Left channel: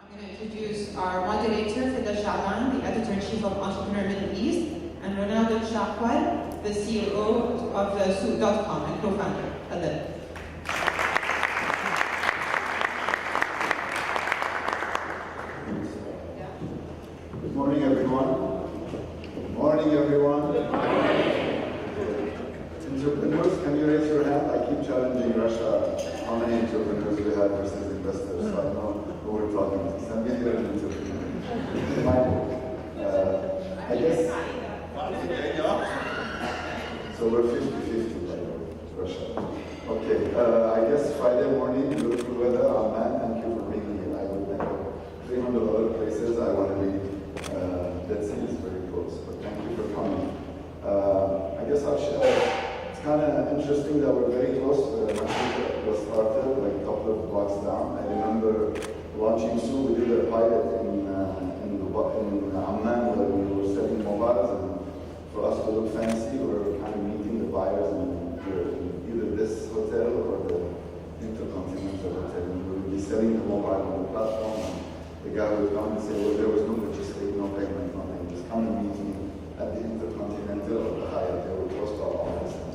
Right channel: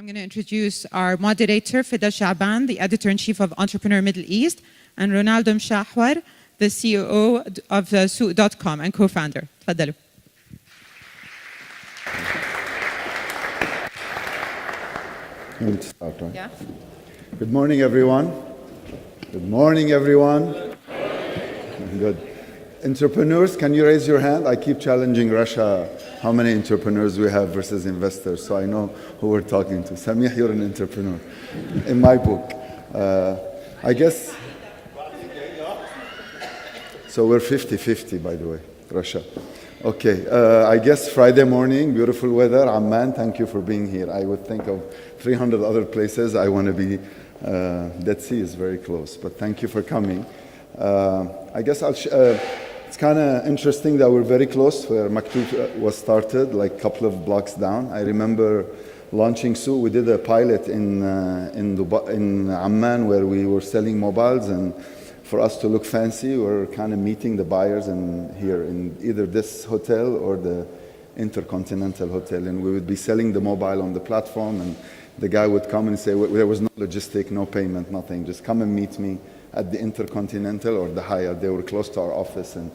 I'm going to introduce our moderator, Fida Chaaban, the editor-in-chief of Entrepreneur Middle East, and Ronaldo Mouchawar, the CEO of Souk.com and co-founder. تفضلوا. Yeah. Good morning, everyone. Good morning, everyone. Good. Entrepreneurs, can you raise your hand? I keep challenging Russia how many entrepreneurs we have versus investors, so I know who we're talking to. Samih, you're an entrepreneur in my book. I guess, so we're 50-50, by the way, Russia. Okay, I guess Friday morning, beautiful weather, Amman, thank you for being here. I would think of 300 other places I want to be. Dead Sea is very close, but thank you for coming. I guess it's kind of interesting that we're very close where Maktoub was started, like a couple of blocks down. I remember launching Souk. We did a pilot in Amman where we were selling mobiles, and for us to look fancy, we're kind of meeting the buyers here in either this hotel or the Intercontinental Hotel, and we would be selling the mobile on the platform, and the guy would come and say, well, there was no logistic, no payment, nothing, just come and meet me at the Intercontinental or the Hyatt. They were close to our office and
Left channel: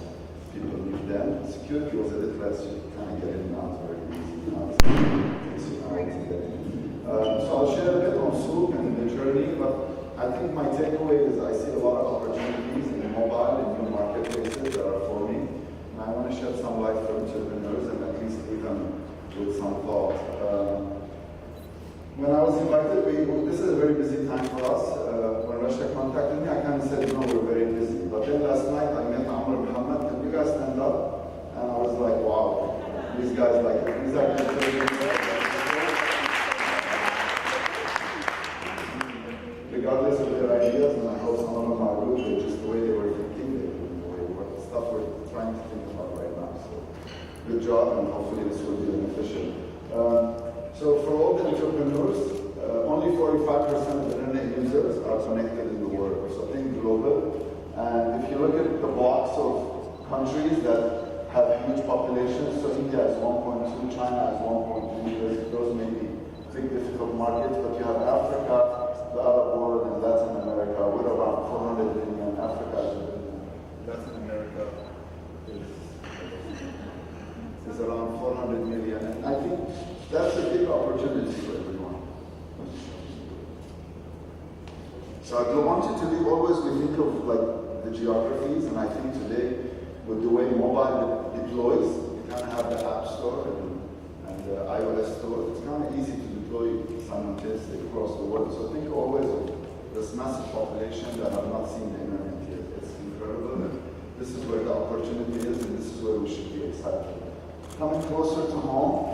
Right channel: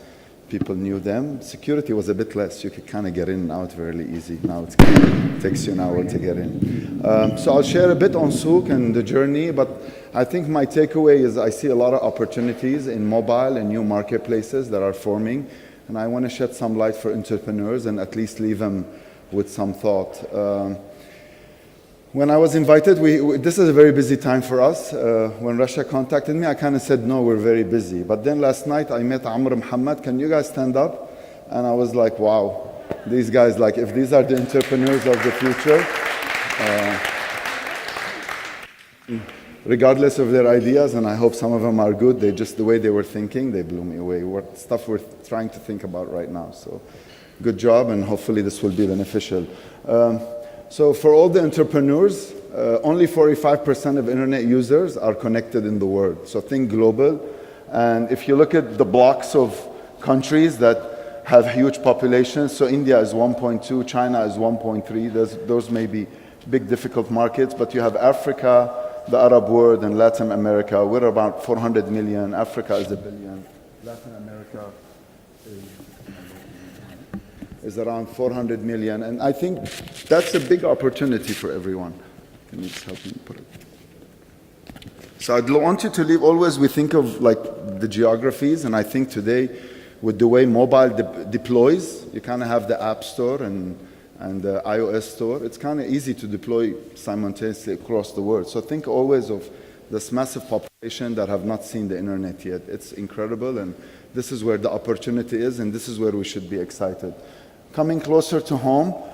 people knew them. Security was a bit less. You could kind of get in and out fairly easy. Now it takes you an hour to get in. So I'll share a bit on Souk and the journey, but I think my takeaway is I see a lot of opportunities in mobile and new marketplaces that are forming, and I want to shed some light for entrepreneurs and at least leave them with some thought. When I was invited, this is a very busy time for us. When Russia contacted me, I kind of said, no, we're very busy. But then last night I met Amr Muhammad, can you guys stand up? And I was like, wow, these guys, like if these are the entrepreneurs of the future, regardless of their ideas, and I hope some of them are good, the way they were thinking, they blew me away. Stuff we're trying to think about right now. So good job, and hopefully this will be beneficial. So for all the entrepreneurs, only 45% of internet users are connected in the world. So think global. And if you look at the blocks of countries that have huge populations, so India is 1.2, China is 1.3, those may be big difficult markets, but you have Africa, the Arab world, and Latin America. We're about 400 million, Africa is 1 billion. Is around 400 million, and I think that's a big opportunity for everyone. Can you just help me put it? So I'd want you to leave, always we think of like the geographies, and I think today with the way mobile deploys, you kind of have the App Store and the iOS Store, it's kind of easy to deploy simultaneously across the world. So think always of this massive population that have not seen the internet yet. It's incredible, and this is where the opportunity is, and this is where we should be excited. Coming closer to home,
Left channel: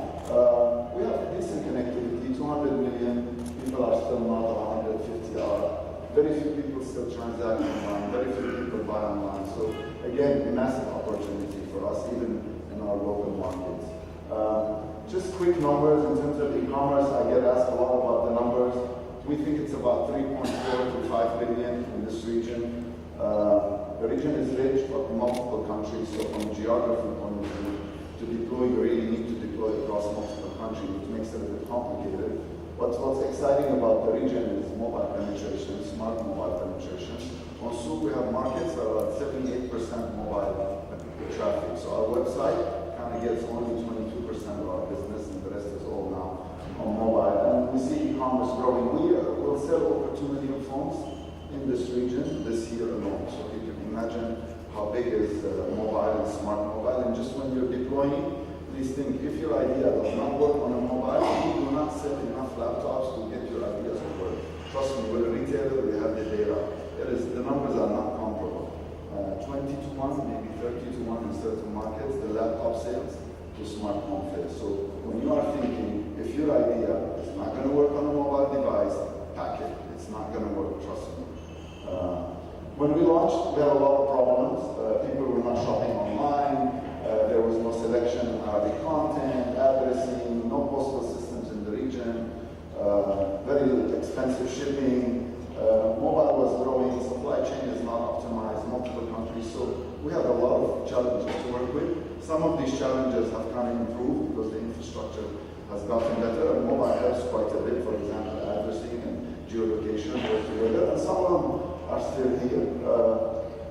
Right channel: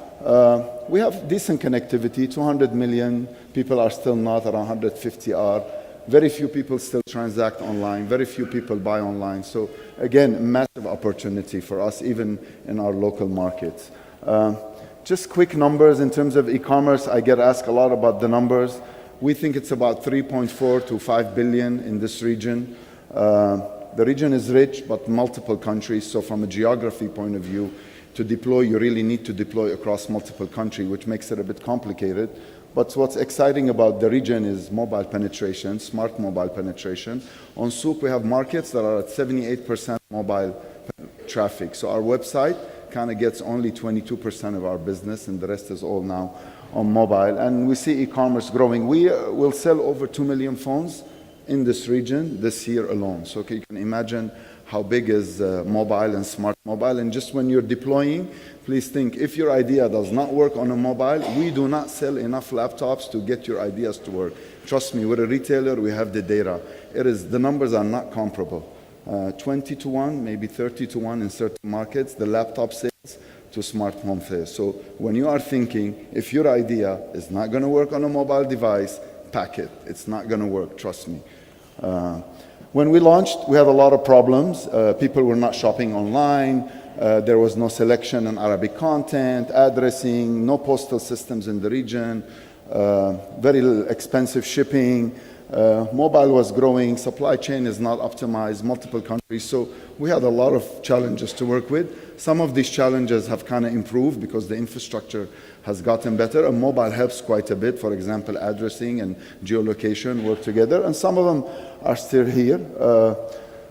we have decent connectivity, 200 million people are still not, around 150 are. Very few people still transact online, very few people buy online. So again, massive opportunity for us, even in our local markets. Just quick numbers in terms of e-commerce, I get asked a lot about the numbers. We think it's about 3.4 to 5 billion in this region. The region is rich, but multiple countries, so from a geography point of view, to deploy, you really need to deploy across multiple countries, which makes it a bit complicated. But what's exciting about the region is mobile penetration, smart mobile penetration. On Souk, we have markets that are at 78% mobile traffic. So our website kind of gets only 22% of our business, and the rest is all now on mobile. And we see e-commerce growing. We will sell over 2 million phones in this region this year alone. So you can imagine how big is mobile and smart mobile. And just when you're deploying, please think, if your idea does not work on a mobile, we do not sell enough laptops to get your ideas to work. Trust me, we're a retailer, we have the data. The numbers are not comparable. 20 to 1, maybe 30 to 1 in certain markets, the laptop sales to smart home sales. So when you are thinking, if your idea is not gonna work on a mobile device, pack it. It's not gonna work, trust me. When we launched, we had a lot of problems. People were not shopping online. There was no selection in Arabic content, addressing, no postal systems in the region, very expensive shipping. Mobile was growing, supply chain is not optimized, multiple countries. So we had a lot of challenges to work with. Some of these challenges have kind of improved because the infrastructure has gotten better, and mobile helps quite a bit. For example, addressing and geolocation work together, and some of them are still here.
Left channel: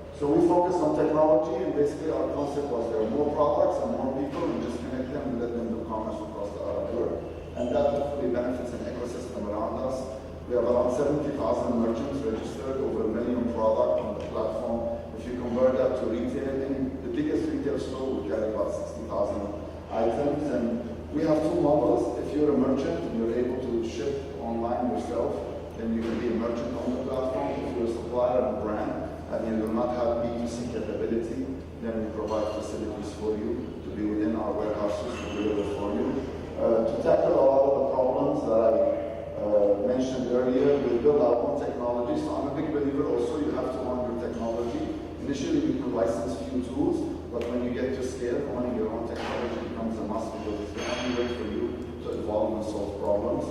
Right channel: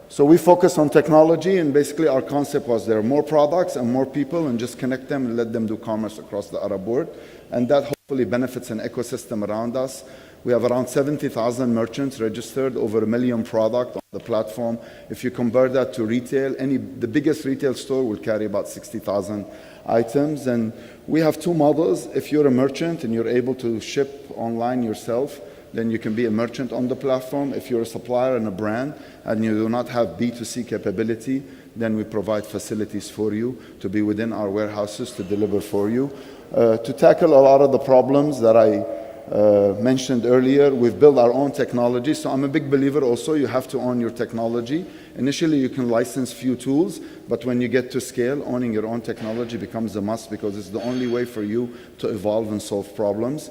So we focus on technology, and basically our concept was there are more products and more people, and just connect them and let them do commerce across the Arab world. And that hopefully benefits an ecosystem around us. We have around 70,000 merchants registered, over 1 million products on the platform. If you convert that to retail, the biggest retail store will carry about 60,000 items. And we have two models. If you're a merchant and you're able to ship online yourself, then you can be a merchant on the platform. If you're a supplier and a brand and you do not have B2C capability, then we provide facilities for you to be within our warehouses to deliver for you. To tackle a lot of the problems that I mentioned earlier, we've built our own technology. So I'm a big believer also, you have to own your technology. Initially, you can license few tools, but when you get to scale, owning your own technology becomes a must, because it's the only way for you to evolve and solve problems.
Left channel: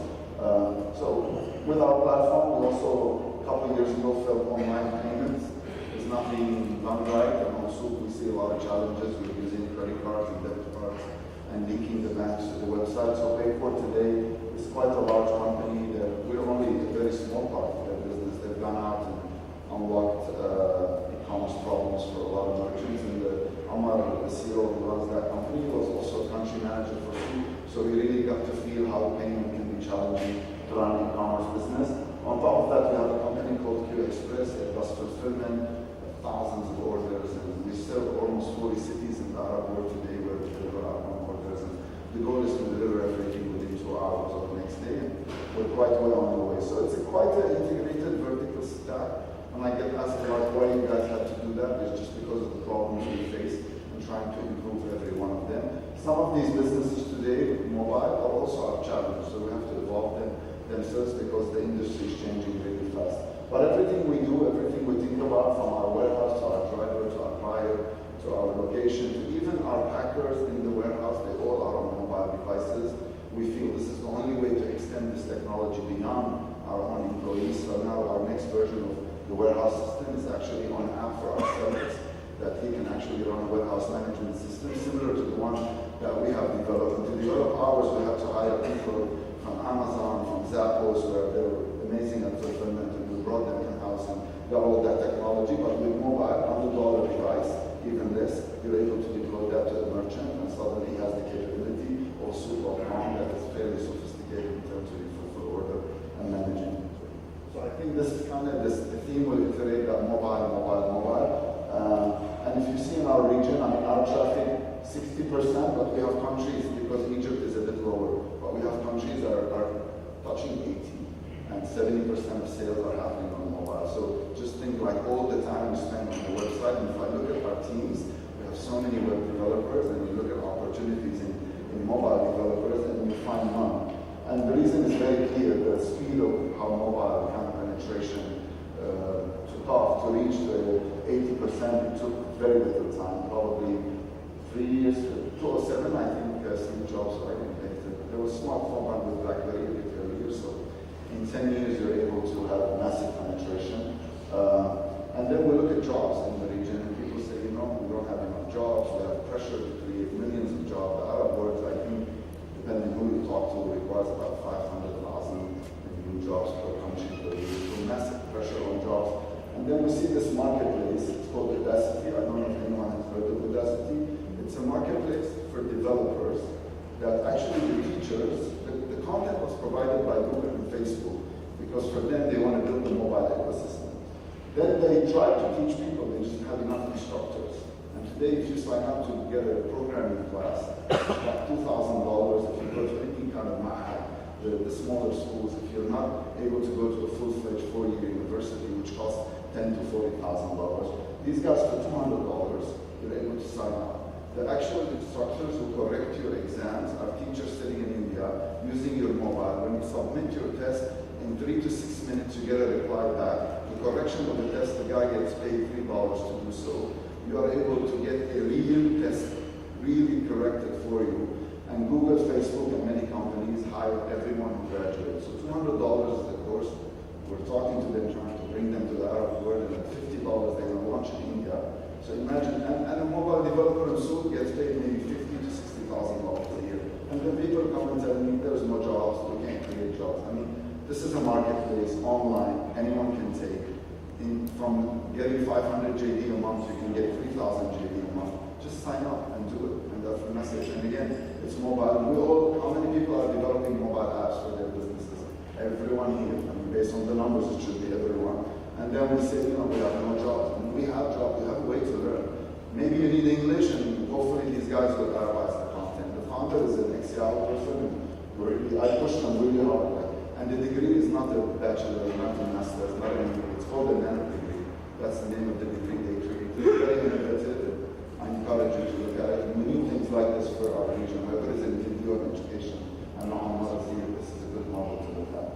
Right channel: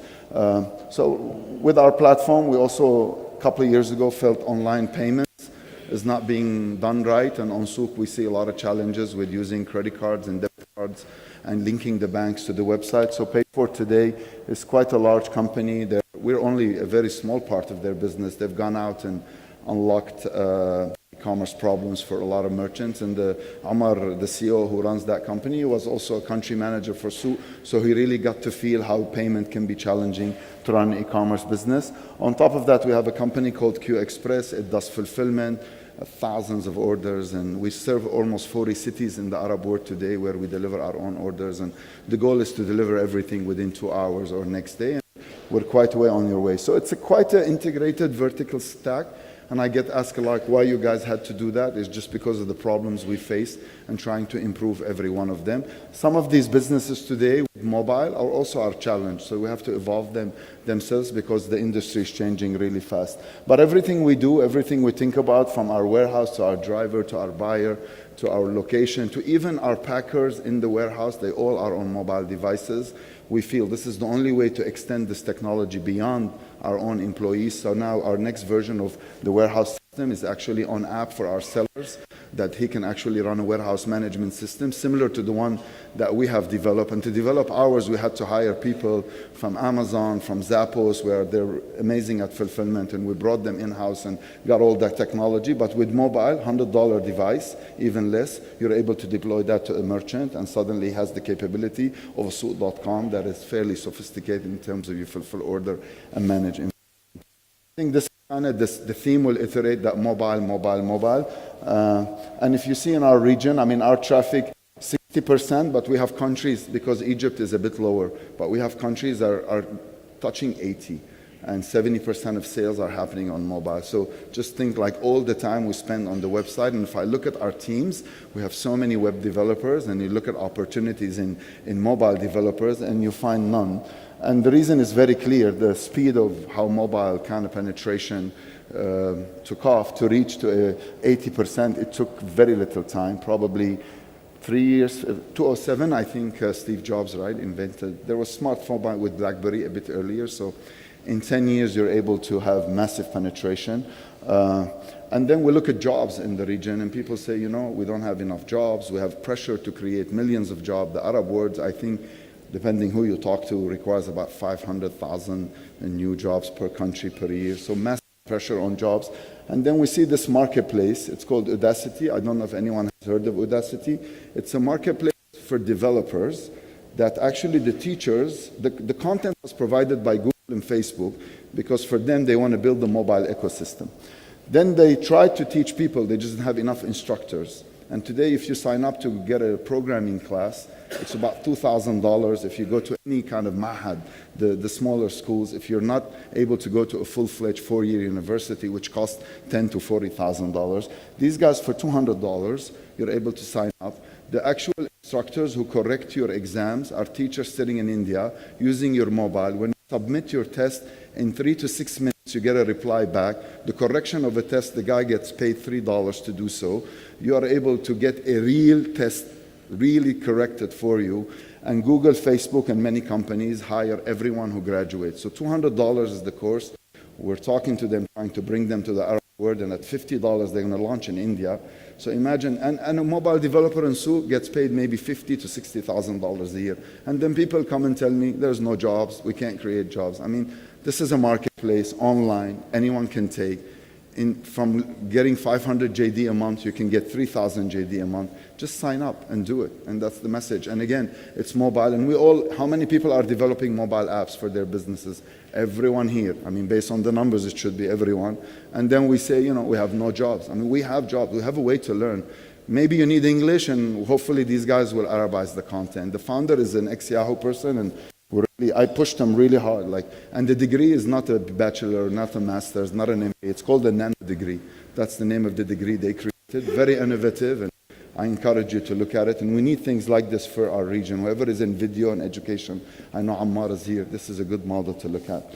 So with our platform, we also, a couple of years ago, felt online payments is not being done right. And on Souq, we see a lot of challenges with using credit cards and debit cards and linking the banks to the website. So Payport today is quite a large company that we're only a very small part of their business. They've gone out and unlocked commerce problems for a lot of merchants. And Amar, the CEO who runs that company, was also a country manager for Souq. So he really got to feel how payment can be challenging to run an e-commerce business. On top of that, we have a company called Q Express. It does fulfillment, thousands of orders, and we serve almost 40 cities in the Arab world today where we deliver our own orders, and the goal is to deliver everything within 2 hours or next day, and we're quite way on your way. So it's quite an integrated vertical stack, and I get asked a lot why you guys had to do that. It's just because of the problems we face and trying to improve every one of them. Some of these businesses today, mobile, are also our challenge, so we have to evolve them themselves because the industry is changing really fast. But everything we do, everything we think about, from our warehouse to our driver to our buyer to our location to even our packers in the warehouse, they all are on mobile devices. We feel this is the only way to extend this technology beyond our own employees. So now our next version of the warehouse system is actually on app for our sellers, that he can actually run a warehouse management system similar to the one that we have developed. And to develop ours, we had to hire people from Amazon, from Zappos, where they're amazing at fulfillment, and we brought them in-house and got all that technology. But with mobile, $100 device, even less, you're able to deploy that to a merchant, and suddenly has the capability of a Souq.com that is fairly sophisticated in terms of you fulfill order and manage it. So I think this kind of the theme will iterate that mobile. And if you see in our region, I mean, our traffic 60%, but we have countries, because Egypt is a bit lower, but we have countries that are touching 80, and 70% of sales are happening on mobile. So just think like all the time we spend on the website. And if I look at our teams, we have so many web developers, and you look at opportunities in mobile developers, and you find none. And the reason is very clear. The speed of how mobile kind of penetration took off to reach to 80%, it took very little time, probably 3 years, 2007, I think Steve Jobs, right, invented. There was smartphone with BlackBerry a bit earlier, so in 10 years you're able to have massive penetration. And then we look at jobs in the region, and people say, you know, we don't have enough jobs, we have pressure to create millions of jobs. The Arab world, I think, depending who you talk to, requires about 500,000 new jobs per country per year. So massive pressure on jobs. And then we see this marketplace. It's called Audacity. I don't know if anyone has heard of Audacity. It's a marketplace for developers that actually the teachers, the content was provided by Google and Facebook, because for them, they want to build a mobile ecosystem. Then they try to teach people, they just don't have enough instructors. And today, if you sign up to get a programming class, it's about $2,000. If you go to any kind of mahad, the smaller schools, if you're not able to go to a full-fledged 4-year university, which costs $10,000 to $40,000, these guys, for $200, you're able to sign up. The actual instructors who correct your exams are teachers sitting in India using your mobile. When you submit your test, in 3 to 6 minutes, you get a reply back. The correction of a test, the guy gets paid $3 to do so. You are able to get a real test, really corrected for you. And Google, Facebook, and many companies hire everyone who graduates. So $200 is the course. We're talking to them, trying to bring them to the Arab world, and at $50, they're going to launch in India. So imagine, and a mobile developer in Souk gets paid maybe $50,000 to $60,000 a year. And then people come and tell me, there's no jobs, we can't create jobs. I mean, this is a marketplace, online, anyone can take. From getting 500 JD a month, you can get 3,000 JD a month. Just sign up and do it, and that's the message. And again, it's mobile, and how many people are developing mobile apps for their businesses? Everyone here. I mean, based on the numbers, it should be everyone. And then we say, we have no jobs. I mean, we have jobs, we have a way to learn. Maybe you need English, and hopefully these guys will Arabize the content. The founder is an ex-Yahoo person, and I pushed him really hard. And the degree is not a bachelor, not a master's, not an MBA. It's called a nano degree. That's the name of the degree they created. Very innovative, and I encourage you to look at it. And we need things like this for our region. Whoever is in video and education, I know Ammar is here. This is a good model to look at.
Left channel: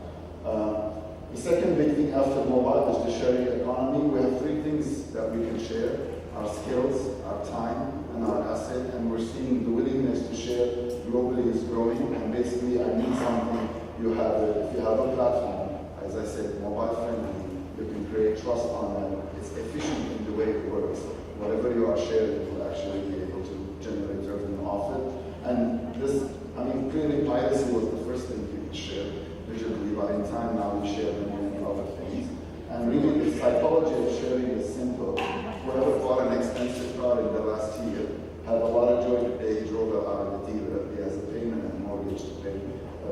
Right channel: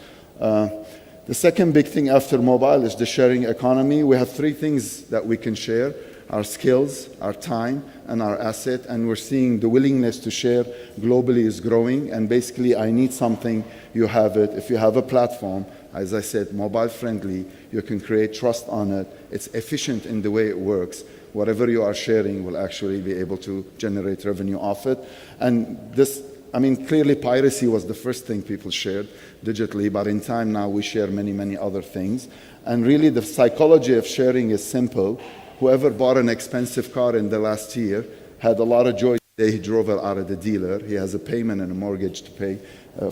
The second big thing after mobile is the sharing economy. We have three things that we can share: our skills, our time, and our asset. And we're seeing the willingness to share globally is growing. And basically, I need something, you have it. If you have a platform, as I said, mobile friendly, you can create trust on it. It's efficient in the way it works. Whatever you are sharing will actually be able to generate revenue off it. And this, clearly piracy was the first thing people shared digitally, but in time now we share many, many other things. And really the psychology of sharing is simple. Whoever bought an expensive car in the last year had a lot of joy the day he drove it out of the dealer. He has a payment and a mortgage to pay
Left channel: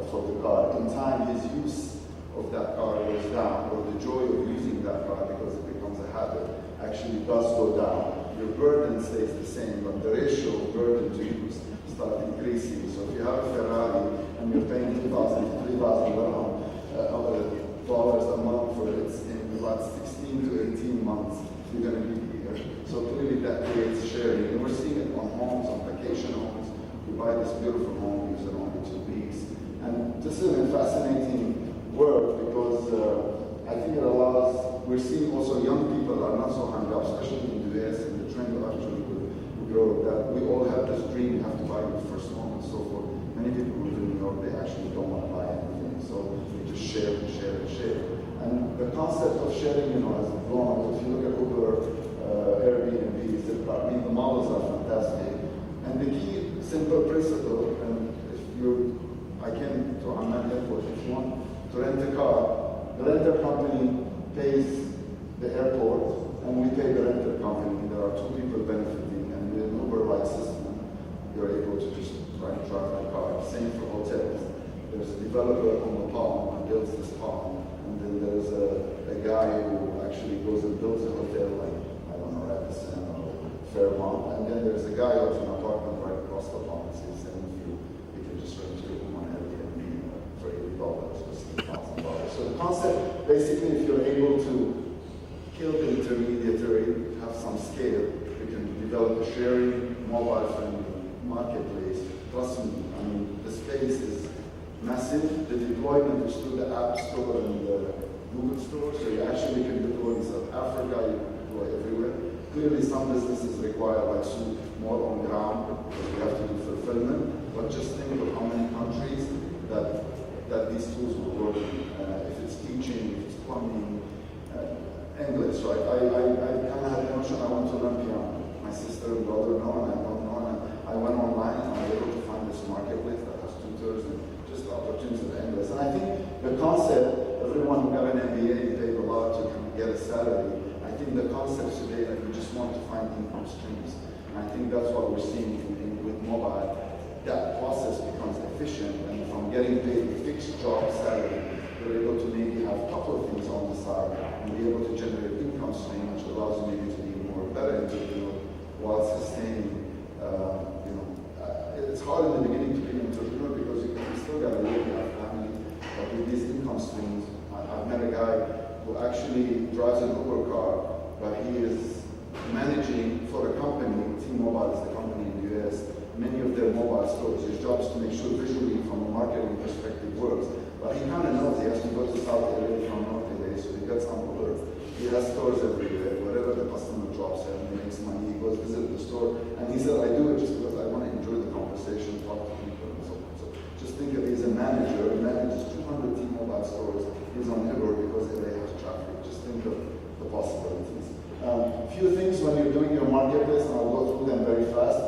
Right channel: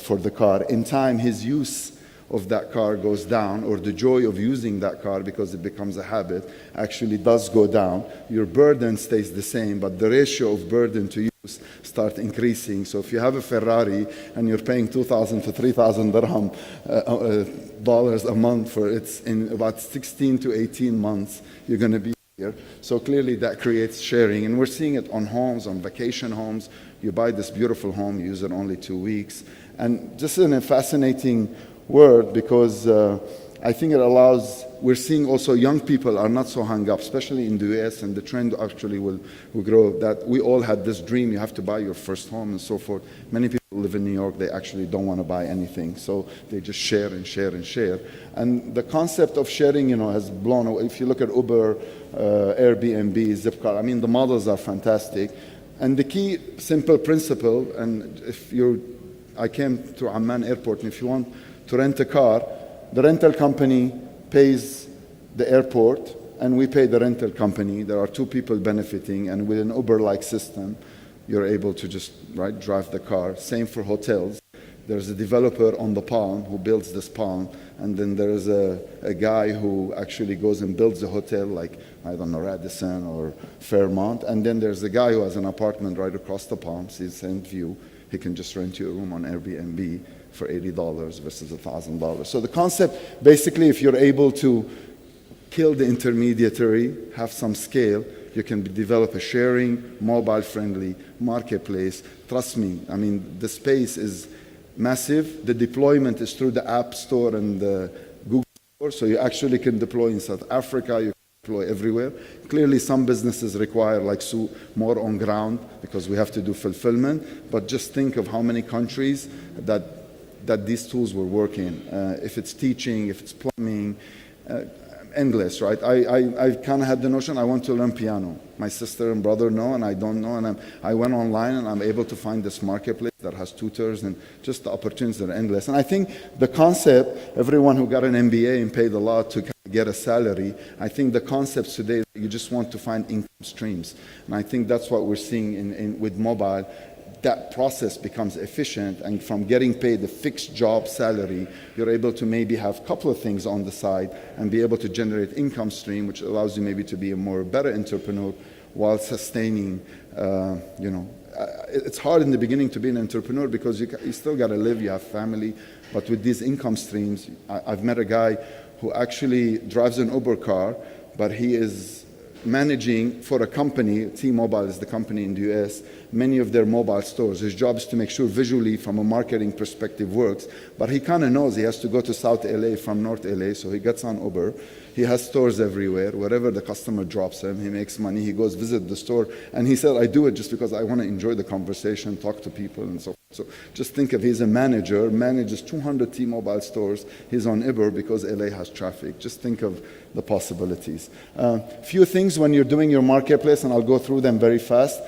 for the car. In time, his use of that car goes down, or the joy of using that car because it becomes a habit actually does go down. Your burden stays the same, but the ratio of burden to use starts increasing. So if you have a Ferrari and you're paying 2,000 to 3,000 dirham dollars a month for it's in about 16 to 18 months you're going to be here. So clearly that creates sharing, and we're seeing it on homes, on vacation homes. You buy this beautiful home, you use it only 2 weeks, and this is a fascinating word because I think it allows, we're seeing also young people are not so hung up, especially in the US, and the trend actually will grow, that we all had this dream, you have to buy your first home and so forth. Many people live in New York, they actually don't want to buy anything, so they just share and share and share. And the concept of sharing, has blown away. If you look at Uber, Airbnb, Zipcar, the models are fantastic. And the key simple principle, and I came to Amman airport, and if you want to rent a car, the rental company pays the airport, and we pay the rental company. There are two people benefiting, and with an Uber-like system, you're able to just drive the car. Same for hotels. There's a developer on the Palm who builds this Palm, and then there's a guy who actually goes and builds a hotel like, I don't know, Radisson or Fairmont, and then there's a guy who has an apartment right across the Palm, sees same view. He can just rent you a room on Airbnb for $80 versus $1,000. So the concept, basically, if you're able to kill the intermediary, have some scale, you can develop a sharing, mobile-friendly marketplace. Trust me, the space is massive. The deployment is through the App Store and the Google Store, so you actually can deploy in South Africa, you deploy everywhere. Clearly, some businesses require, like Sue, more on ground because we have to do fulfillment, but just think of how many countries that these tools will work in. If it's teaching, if it's plumbing, endless, right? I kind of had the notion I want to learn piano. My sister and brother know, and I don't know, and I went online and I'm able to find this marketplace that has tutors, and just the opportunities are endless. And I think the concept, everyone who got an MBA and paid a lot to get a salary, I think the concepts today, you just want to find income streams. And I think that's what we're seeing with mobile. That process becomes efficient, and from getting paid a fixed job salary, you're able to maybe have a couple of things on the side and be able to generate income stream, which allows you maybe to be a better entrepreneur while sustaining, it's hard in the beginning to be an entrepreneur because you still got to live, you have family, but with these income streams, I've met a guy who actually drives an Uber car, but he is managing for a company, T-Mobile is the company in the US, many of their mobile stores. His job is to make sure visually from a marketing perspective works, but he kind of knows he has to go to South LA from North LA, so he gets on Uber. He has stores everywhere. Wherever the customer drops him, he makes money. He goes visit the store. And he said, I do it just because I want to enjoy the conversation, talk to people, and so on. So just think of, he's a manager, manages 200 T-Mobile stores. He's on Uber because LA has traffic. Just think of the possibilities. Few things when you're doing your marketplace, and I'll go through them very fast.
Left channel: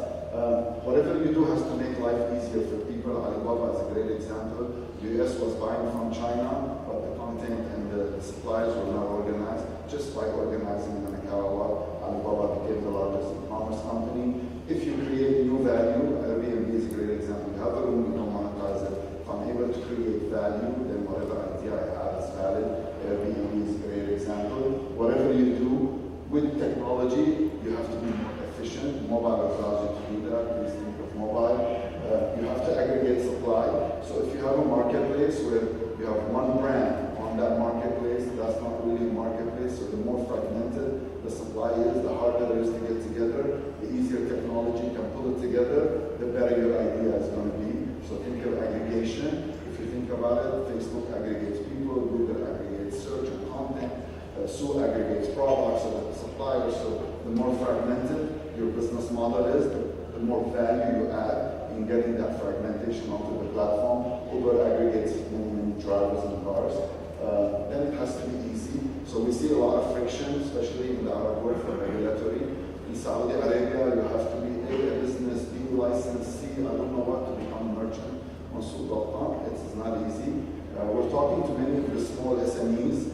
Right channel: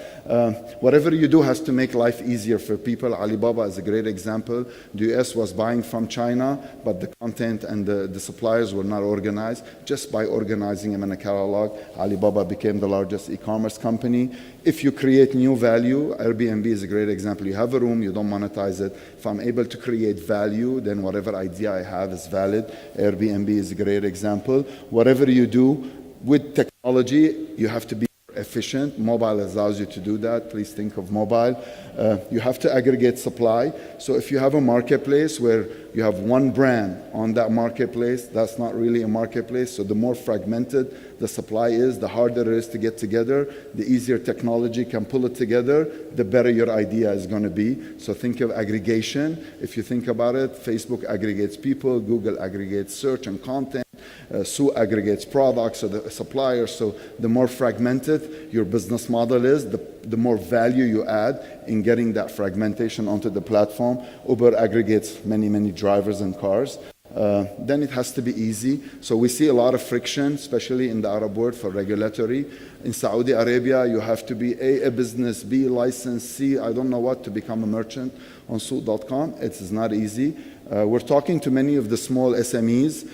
Whatever you do has to make life easier for people. Alibaba is a great example. The US was buying from China, but the content and the suppliers were not organized. Just by organizing them in a catalog, Alibaba became the largest e-commerce company. If you create new value, Airbnb is a great example. You have a room, you don't monetize it. If I'm able to create value, then whatever idea I have is valid. Airbnb is a great example. Whatever you do with technology, you have to be efficient. Mobile allows you to do that. Please think of mobile. You have to aggregate supply. So if you have a marketplace where you have one brand on that marketplace, that's not really a marketplace. So the more fragmented the supply is, the harder it is to get together, the easier technology can pull it together, the better your idea is going to be. So think of aggregation. If you think about it, Facebook aggregates people, Google aggregates search and content, Sue aggregates products, so the suppliers. So the more fragmented your business model is, the more value you add in getting that fragmentation onto the platform. Uber aggregates many, many drivers and cars. Then it has to be easy. So we see a lot of friction, especially in the Arab world for regulatory. In Saudi Arabia, you have to be A, a business, B, licensed, C, I don't know what, to become a merchant on Souk.com. It is not easy. We're talking to many of the small SMEs,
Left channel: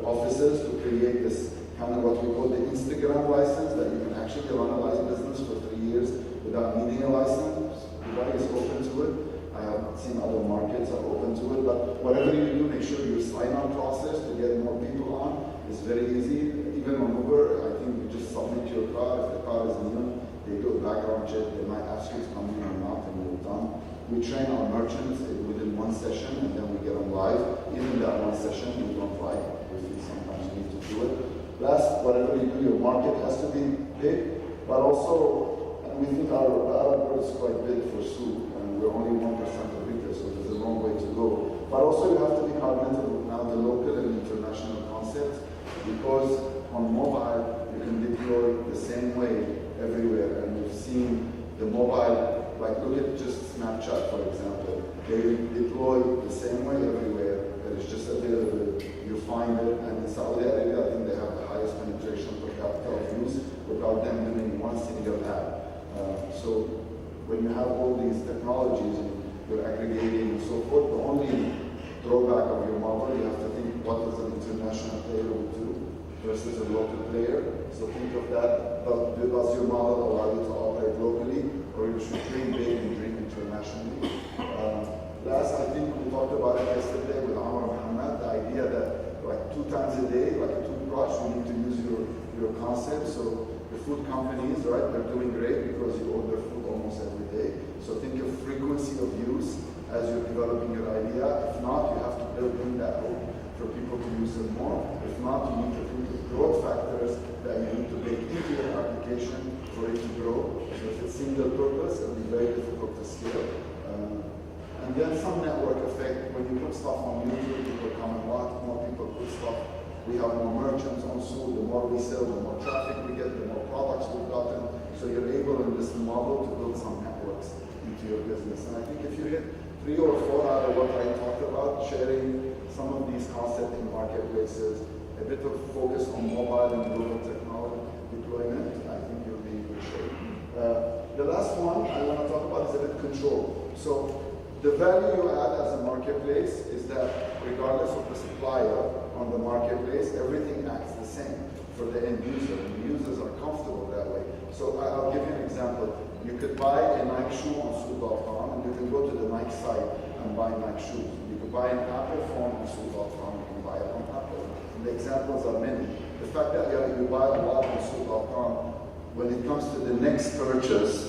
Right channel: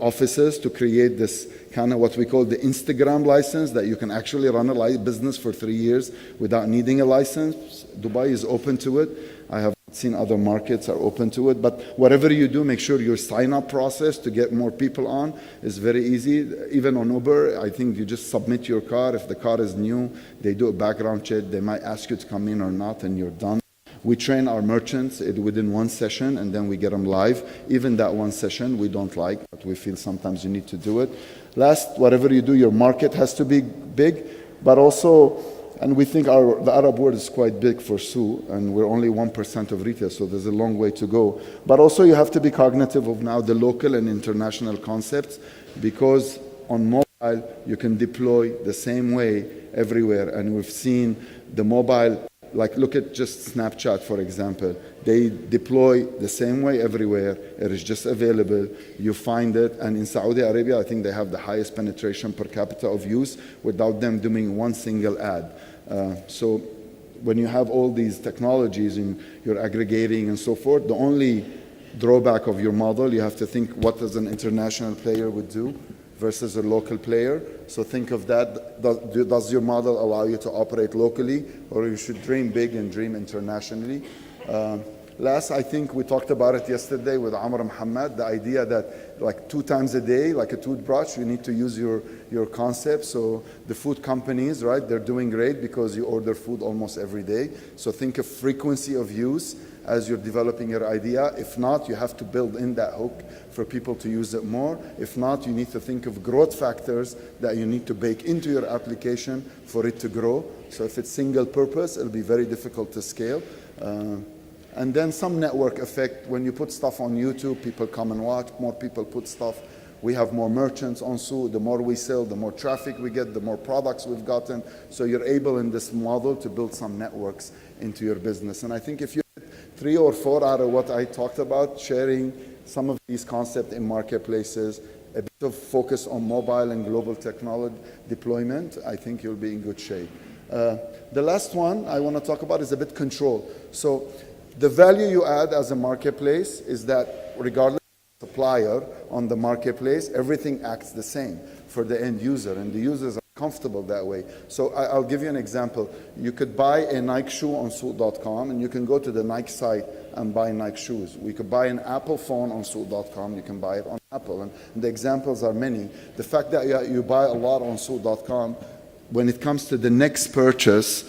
offices, to create this kind of what we call the Instagram license, that you can actually run a business for 3 years without needing a license. Dubai is open to it. I have seen other markets are open to it, but whatever you do, make sure your sign-up process to get more people on is very easy. Even on Uber, I think you just submit your car. If the car is new, they do a background check. They might ask you to come in or not, and you're done. We train our merchants within one session, and then we get them live. Even that one session we don't like. We feel sometimes you need to do it. Last, whatever you do, your market has to be big, but also, and we think the Arab world is quite big for Sue, and we're only 1% of retail, so there's a long way to go. But also you have to be cognitive of now the local and international concepts, because on mobile you can deploy the same way everywhere. And we've seen the mobile, like look at just Snapchat, for example. They deploy the same way everywhere. It is just available. You find it. And in Saudi Arabia, I think they have the highest penetration per capita of use without them doing one single ad. So when you have all these technologies and you're aggregating and so forth, the only drawback of your model, you have to think, what does an international player would do versus a local player? So think of that. Does your model allow you to operate locally, or you should dream big and dream internationally? Last, I think we talked about it yesterday with Amr Muhammad, the idea that like 2 times a day, like a toothbrush, you need to use your concept. So the food companies, right, they're doing great because you order food almost every day. So think of frequency of use as you're developing your idea. If not, you have to build in that hook for people to use it more. If not, you need to think of growth factors that you need to bake into your application for it to grow. So if it's single purpose, it'll be very difficult to scale. And then some network effect. When you put stuff on YouTube, people come and watch, more people put stuff. We have more merchants on Sue. The more we sell, the more traffic we get, the more products we've gotten. So you're able in this model to build some networks into your business. And I think if you hit 3 or 4 out of what I talked about, sharing some of these concepts in marketplaces, a bit of focus on mobile and global technology deployment, I think you'll be in good shape. The last one I want to talk about is a bit control. So the value you add as a marketplace is that regardless of the supplier on the marketplace, everything acts the same for the end user, and the users are comfortable that way. So I'll give you an example. You could buy a Nike shoe on Souk.com, and you can go to the Nike site and buy Nike shoes. You could buy an Apple phone on Souk.com, you can buy it on Apple, and the examples are many. The fact that you buy a lot on Souk.com, when it comes to the next purchase,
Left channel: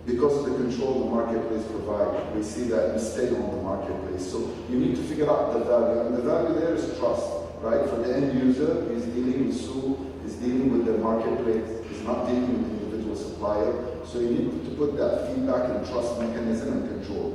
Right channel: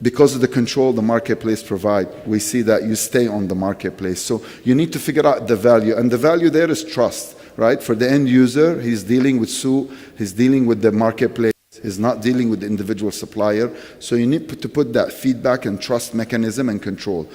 because of the control the marketplace provide, we see that you stay on the marketplace. So you need to figure out the value, and the value there is trust, right? For the end user, he's dealing with Sue, he's dealing with the marketplace, he's not dealing with the individual supplier. So you need to put that feedback and trust mechanism and control.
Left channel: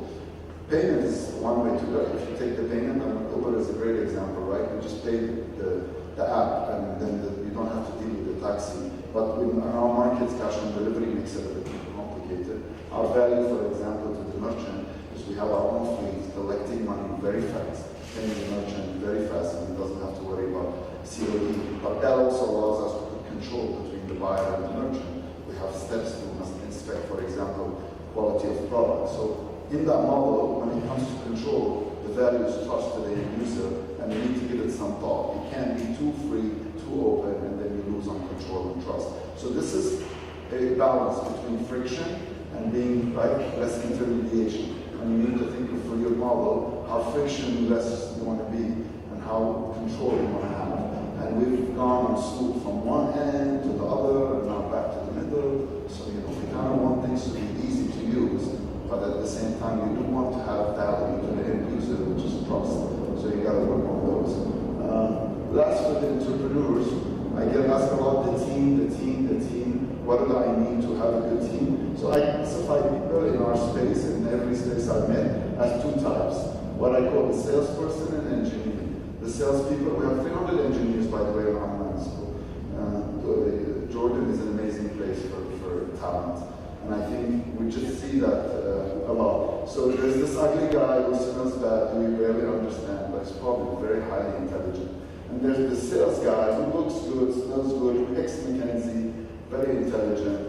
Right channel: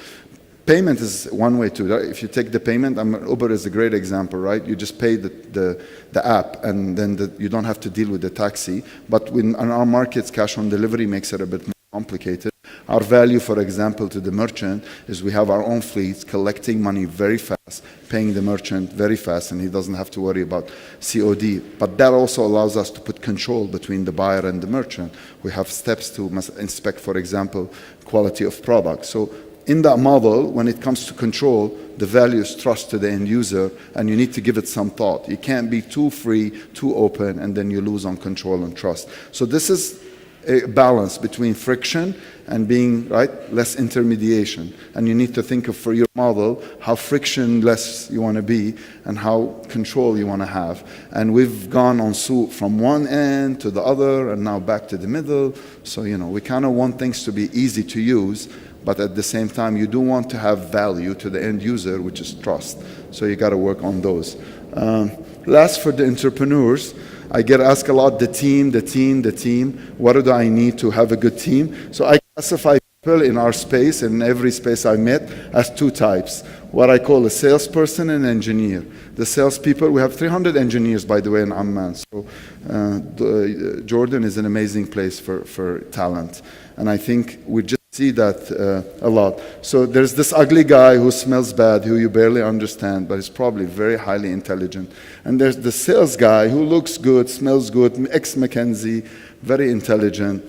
payment is one way to, right? If you take the payment, Uber is a great example, right? You just pay the app, and then you don't have to deal with the taxi. But in our markets, cash on delivery makes it a bit more complicated. Our value, for example, to the merchant is we have our own fleets collecting money very fast, paying the merchant very fast, and he doesn't have to worry about COD. But that also allows us to put control between the buyer and the merchant. We have steps to inspect, for example, quality of product. So in that model, when it comes to control, the value is trust to the end user, and you need to give it some thought. You can't be too free, too open, and then you lose on control and trust. So this is a balance between friction and being, right, less intermediation. And you need to think of, for your model, how frictionless you want to be and how control you want to have. And we've gone on Souk from one end to the other and now back to the middle. So, we kind of want things to be easy to use, but at the same time, you do want to have value to the end user, which is trust. So you got to work on those. Last, for the entrepreneurs, I get asked a lot, the team. What do I need to have a good team? So I classify people in our space, in every space I met, as two types. What I call a salesperson and an engineer. The salespeople, we have 300 engineers, by the way, in Amman. So Jordan is an amazing place for talent. And I think we just see that a lot. So there's this ugly guy who smells bad, who you barely understand, but is probably very highly intelligent. And there's the sales guy who looks good, smells good, ex-McKinsey, very intelligent.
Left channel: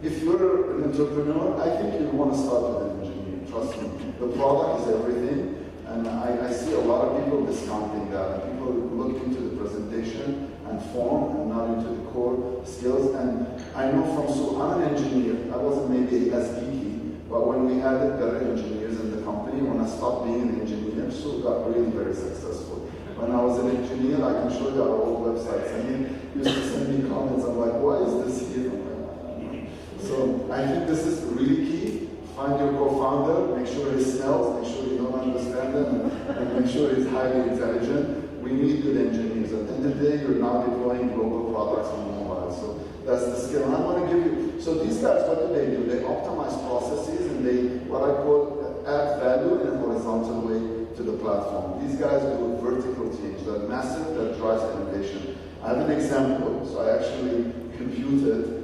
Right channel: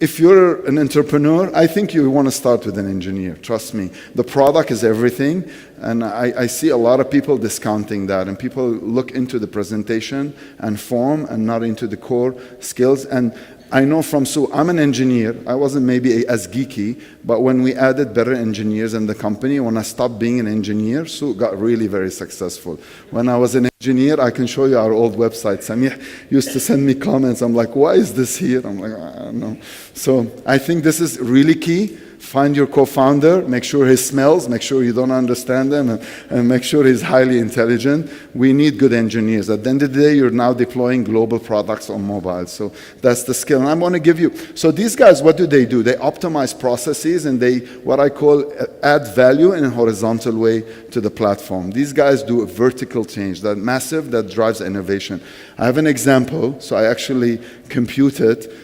If you're an entrepreneur, I think you want to start with an engineer, trust me. The product is everything, and I see a lot of people discounting that, and people look into the presentation and form and not into the core skills. And I know from Souk, I'm an engineer. I wasn't maybe as geeky, but when we added better engineers in the company, when I stopped being an engineer, Souk got really very successful. When I was an engineer, I can show you our old website. Samih used to send me comments. I'm like, why is this here? I'm like, I don't know. So I think this is really key. Find your co-founder, make sure he smells, make sure you don't understand them, and make sure he's highly intelligent. We need good engineers. At the end of the day, you're now deploying global products on mobile. So that's the skill. And I'm going to give you, so these guys, what do? They optimize processes, and they, what I call, add value in a horizontal way to the platform. These guys do a vertical change, that massive, that drives innovation. I have an example. So I actually computed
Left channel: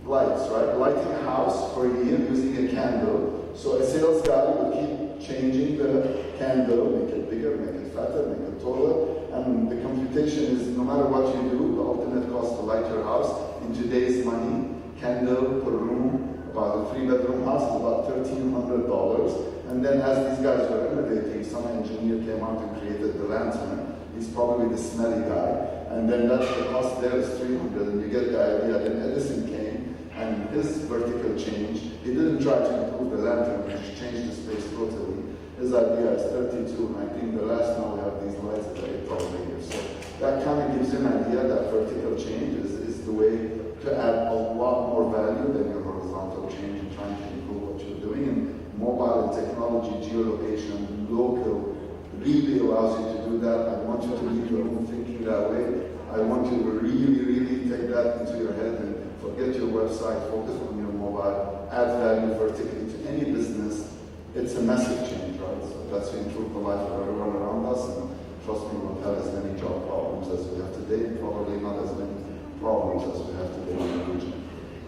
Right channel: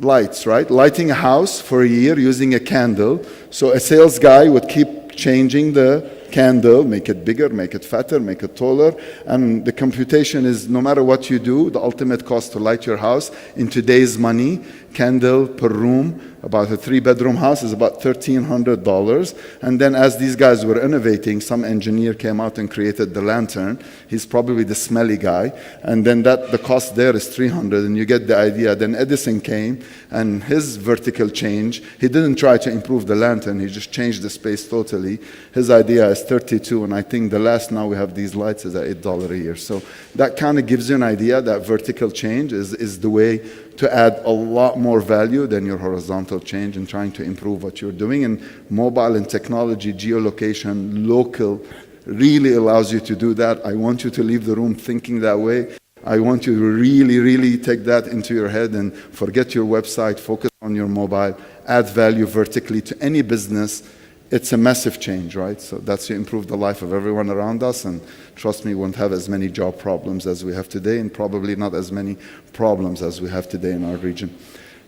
lights, right? Lighting a house for a year using a candle. So a sales guy would keep changing the candle, make it bigger, make it fatter, make it taller. And the computation is, no matter what you do, the ultimate cost to light your house in today's money, candle per room, about a 3-bedroom house is about $1,300. And then as these guys were innovating, some engineer came out and created the lantern. He's probably the smelly guy. And then the cost there is $300, and you get the idea. Then Edison came, and his vertical change, he didn't try to improve the lantern, he just changed the space totally. His idea is $32, and I think the last now we have these lights is at $8 a year. So that kind of gives you an idea that vertical change is the way to add a lot more value than your horizontal change in trying to improve what you're doing. And mobile and technology, geolocation, local, really allows you to do that. I want you to leave the room thinking that way. I want you to really, really take that into your head and forget your website, focus on your mobile, add value vertically to any business. It's a massive change, right? So that's to improve the life of everyone around us, and trust me, we won't have as many job problems as we have today, and probably not as many problems as we have today in our region.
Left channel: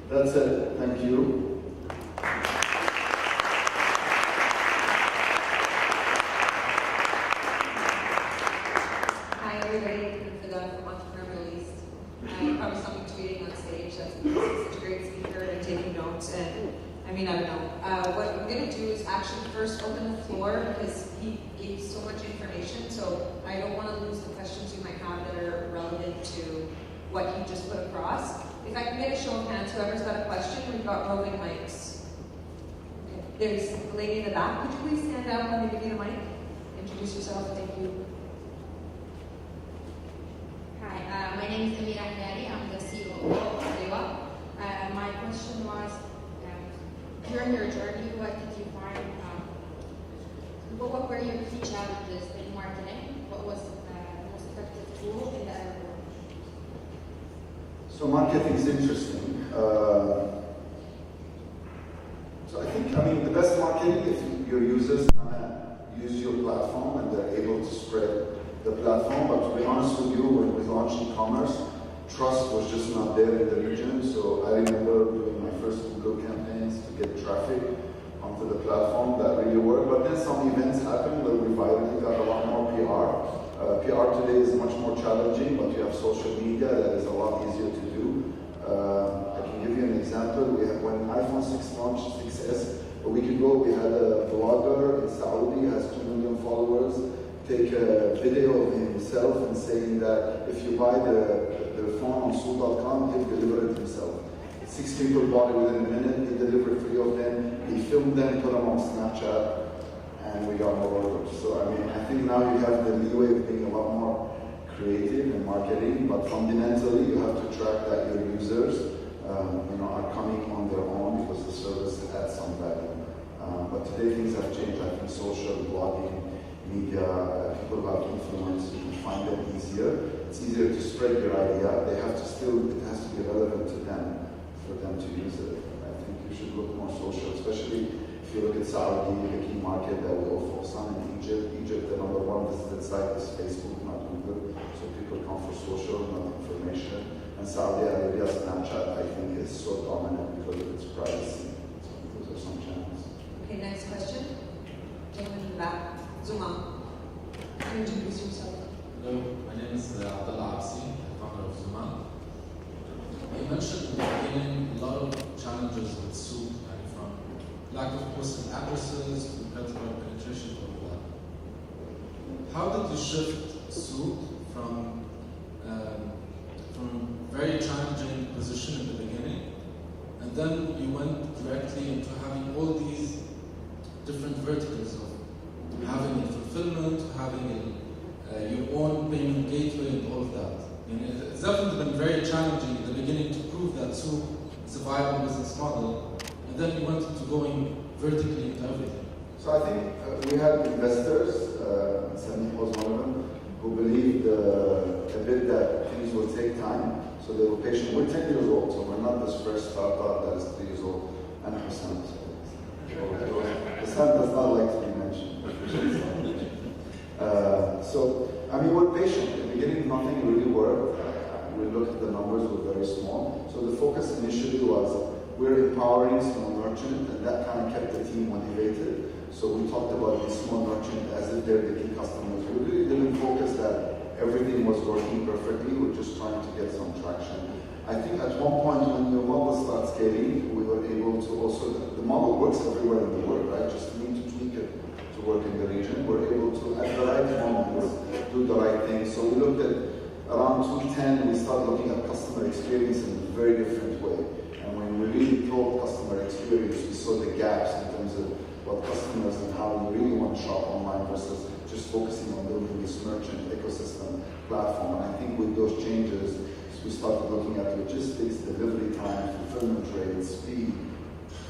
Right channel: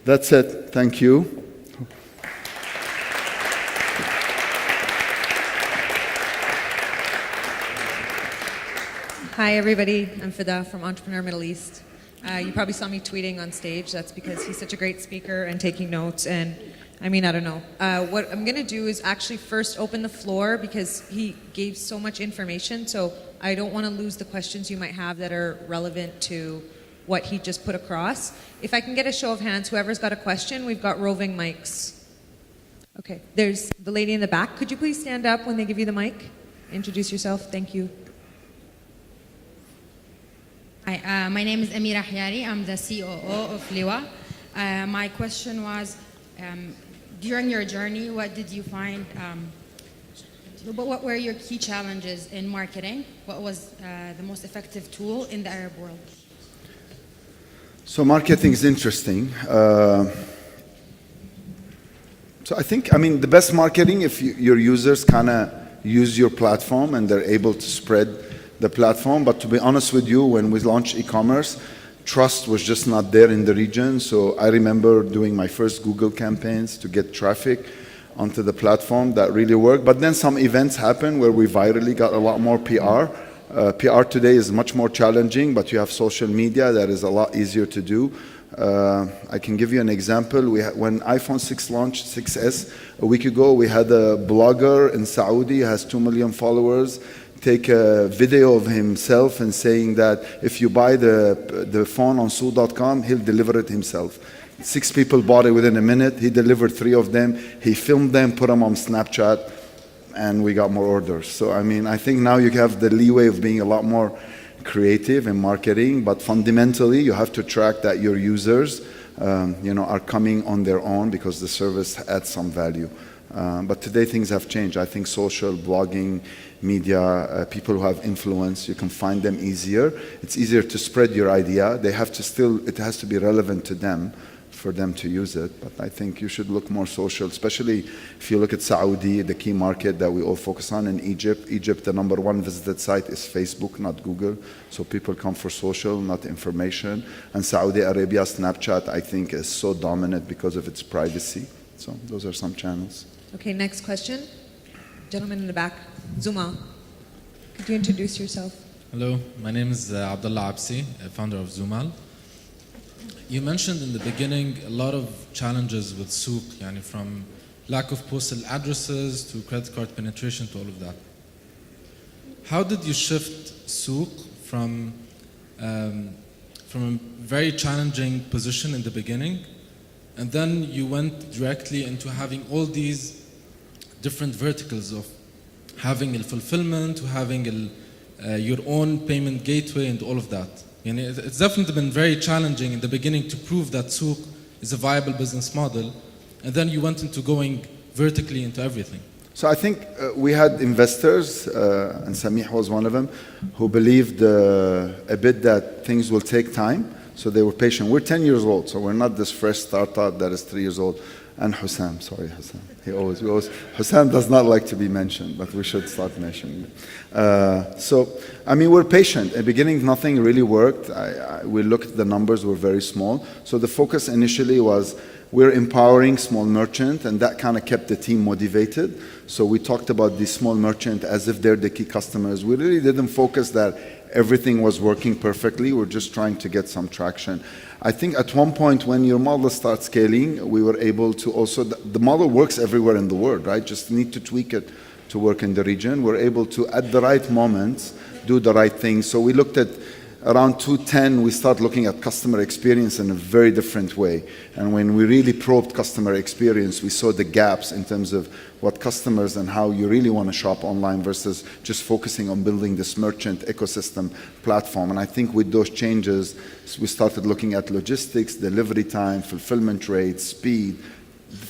That's it. Thank you. Hi everybody, I'm Fida from Entrepreneur Middle East. You probably saw me tweeting on stage. That's because he's such a great speaker and taking notes, and I don't know. What I'm going to do is actually first open the floor, because he gave so much information, so I don't want to lose the questions you might have that are relevant to what he just put across. If I can get a show of hands, whoever's got a question, we've got roving mics. Okay, there's the lady in the back. Could you please stand up when they give you the mic? Introduce yourself, thank you. Hi, my name is Amira Hyari. I'm the COO of Liwa. My question was, during your journey, what did you find, what were your key challenges in marketing? What was the most effective tool in the Arab world? So marketing is interesting. So I think, I mean, the best marketing if your users kind of use your platform and they're able to spread the platform. But to be honest with you, when we launched e-commerce, trust was just not there in the region. So I remember doing my first Google campaigns to get traffic onto the platform that really worked. But then some events happened where we virally got a lot more PR. PR today is much more challenging, but you have social media that is a lot easier to do. I can give you an example. When iPhone 6 launched, 6S, a week ago, we had a blogger in Saudi, has 2 million followers, take a video of himself and saying that if you buy the phone on Souk.com, he'll deliver it himself. 6 people bought it within a minute. He delivered 3 of them. He filmed them, put them on Snapchat, and we got more orders. So, I mean, I think now you have the leeway of being a lot more creative in marketing, but fundamentally you have to track that your users are coming on their own because the service adds some value. But today things have changed. I think social, blogging, media, people who have influence, you can find them easier. It's easier to spread your idea. It has to be relevant to them for them to use it. But I think you should look more social, especially if you look at Saudi, the key market that we all focus on, in Egypt. Egypt, the #1 visited site is Facebook, not Google. So people come for social, not information. And Saudi Arabia, Snapchat, I think, is so dominant because of its privacy. So those are some channels. Okay, next question. Gentleman in the back, Zuma. Could you introduce yourself? Hello, my name is Abdullah Absi, founder of Zumal. You mentioned in the beginning a lot of challenges with Souk, from lack of postal addresses to credit card penetration to all of that. How did you shift Souk from a very challenging position in the beginning, and then you went directly into having all these different verticals of having a fulfillment, to having your own payment gateway and all of that? It's definitely been very challenging in the beginning to prove that Souk is a viable business model, and then you went into going vertically into everything. So I think we had investors, and Samih was one of them, who believed a bit that things will take time, so they were patient. We're 10 years old, so we're not this fresh startup that is 3 years old. And Hussam, sorry, Hussam. Hussam does not like to be mentioned, but we should start mentioning it. So, I mean, we're patient. At the beginning, nothing really worked. We looked at the numbers, were very small. So the focus initially was we're empowering small merchants, and that kind of kept the team motivated. So we talked about the small merchant as if they're the key customers. We really didn't focus that everything was working perfectly. We're just trying to get some traction. I think at one point when your model starts scaling, we were able to also, the model works everywhere in the world, right? Just need to tweak it to work in the region. We're able to, at the right moments, do the right thing. So we looked at around 2010, we start looking at customer experience in a very different way. And when we really probed customer experience, we saw the gaps in terms of what customers and how you really want to shop online versus just focusing on building this merchant ecosystem platform. And I think with those changes, we started looking at logistics, delivery time, fulfillment rates, speed,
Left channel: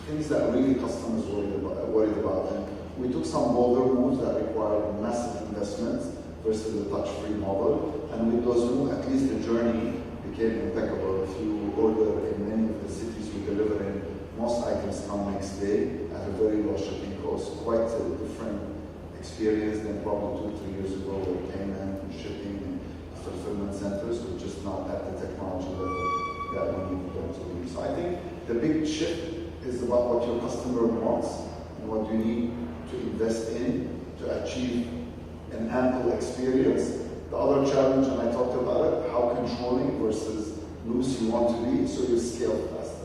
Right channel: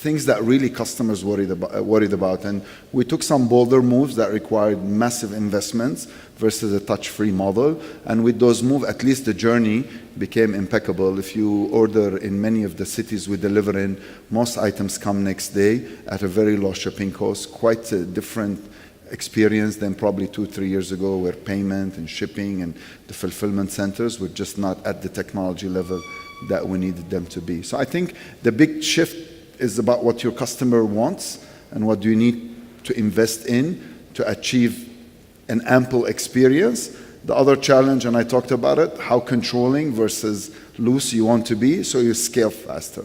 things that really customers worried about. And we took some bolder moves that required massive investments versus a touch-free model. And with those moves, at least the journey became impeccable. If you order in many of the cities we deliver in, most items come next day at a very low shipping cost, quite a different experience than probably 2-3 years ago, where payment and shipping and the fulfillment centers were just not at the technology level that we needed them to be. So I think the big shift is about what your customer wants and what do you need to invest in to achieve an ample experience. The other challenge, and I talked about it, how controlling versus loose you want to be so you scale faster.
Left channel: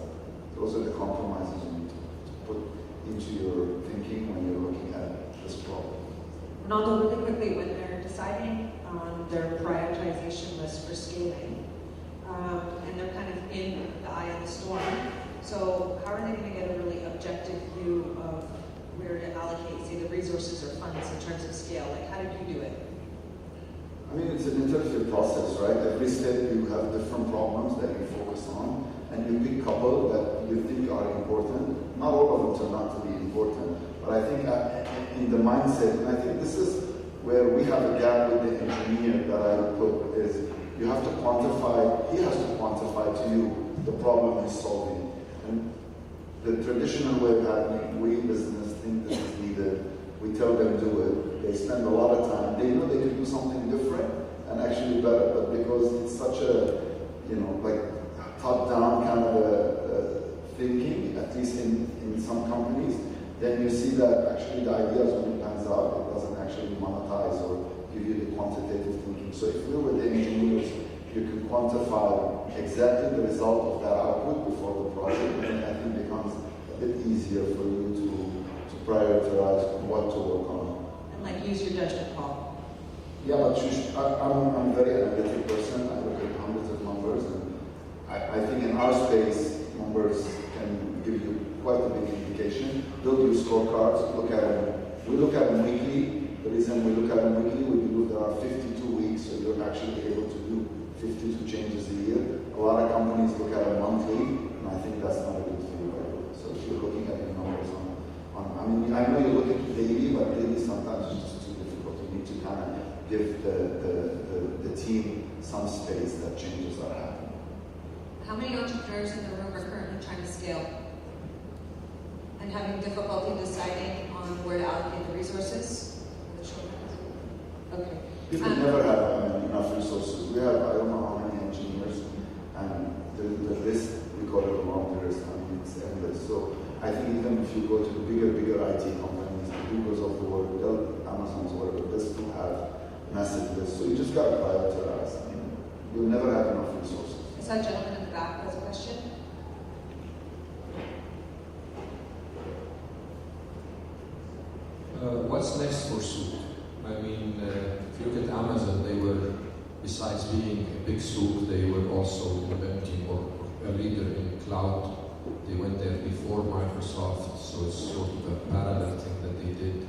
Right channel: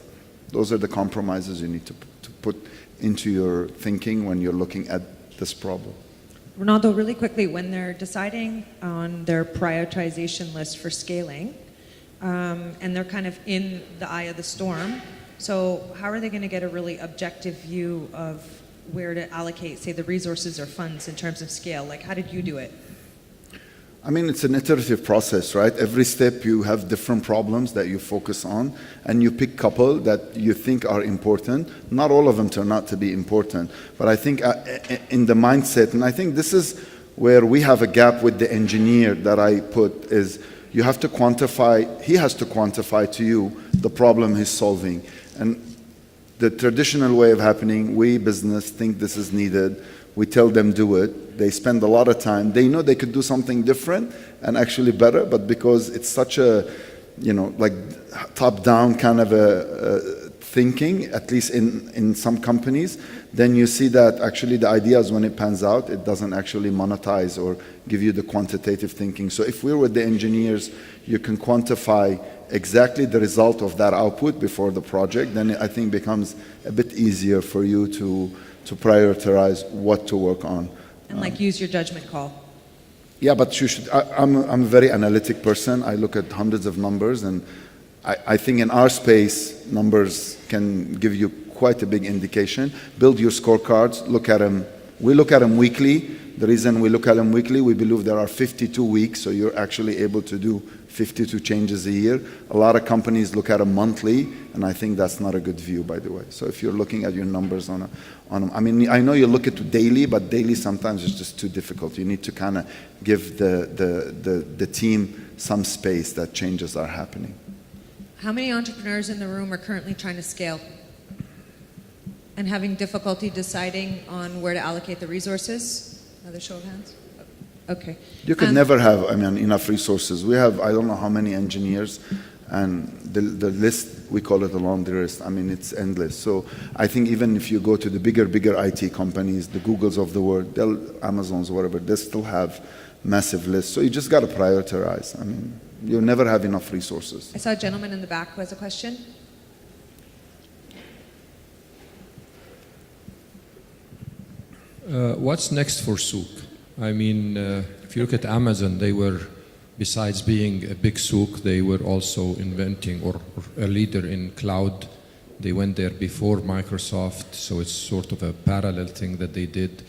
Those are the compromises you need to put into your thinking when you're looking at this problem. Ronaldo, really quickly, when they're deciding on their prioritization list for scaling, and they're kind of in the eye of the storm, so how are they going to get a really objective view of where to allocate, say, the resources or funds in terms of scale? Like, how did you do it? I mean, it's an iterative process, right? Every step you have different problems that you focus on, and you pick a couple that you think are important. Not all of them turn out to be important, but I think in the mindset, and I think this is where we have a gap with the engineer that I put, is you have to quantify, he has to quantify to you the problem he's solving. And the traditional way of happening, we business think this is needed. We tell them do it. They spend a lot of time. They know they could do something different and actually better, but because it's such a, like top-down kind of a thinking, at least in some companies, then you see that actually the ideas, when it pans out, it doesn't actually monetize or give you the quantitative thinking. So if we're with the engineers, you can quantify exactly the result of that output before the project, then I think becomes a bit easier for you to prioritize what to work on. And like use your judgment call. Yeah, but you should, I'm a very analytic person. I look at hundreds of numbers, and I think in our space, numbers can give you quite a big indication. Build your scorecards, look at them. We look at them weekly. The reason we look at them weekly, we believe there are 52 weeks, so you're actually able to do 52 changes a year. A lot of companies look at them monthly, and I think that's not a good view, by the way. So if you're looking at your numbers I mean, I know you look at it daily, but daily sometimes is just too difficult. You need to kind of give the team some space that changes are happening. How many entrepreneurs in the room are currently trying to scale and having difficulty deciding on where to allocate the resources? Another show of hands. Okay. You could never have, enough resources. We have, I don't know how many engineers, and the list, we call it a laundry list. It's endless. So I think even if you go to the bigger IT companies, the Googles of the world, Amazons, whatever, they still have massive lists. So you just got to prioritize. You'll never have enough resources. I saw a gentleman in the back who has a question. What's next for Souk? If you look at Amazon, they were, besides being a big souk, they were also inventing or a leader in cloud. They went there before Microsoft, so it's sort of a parallel thing that they did,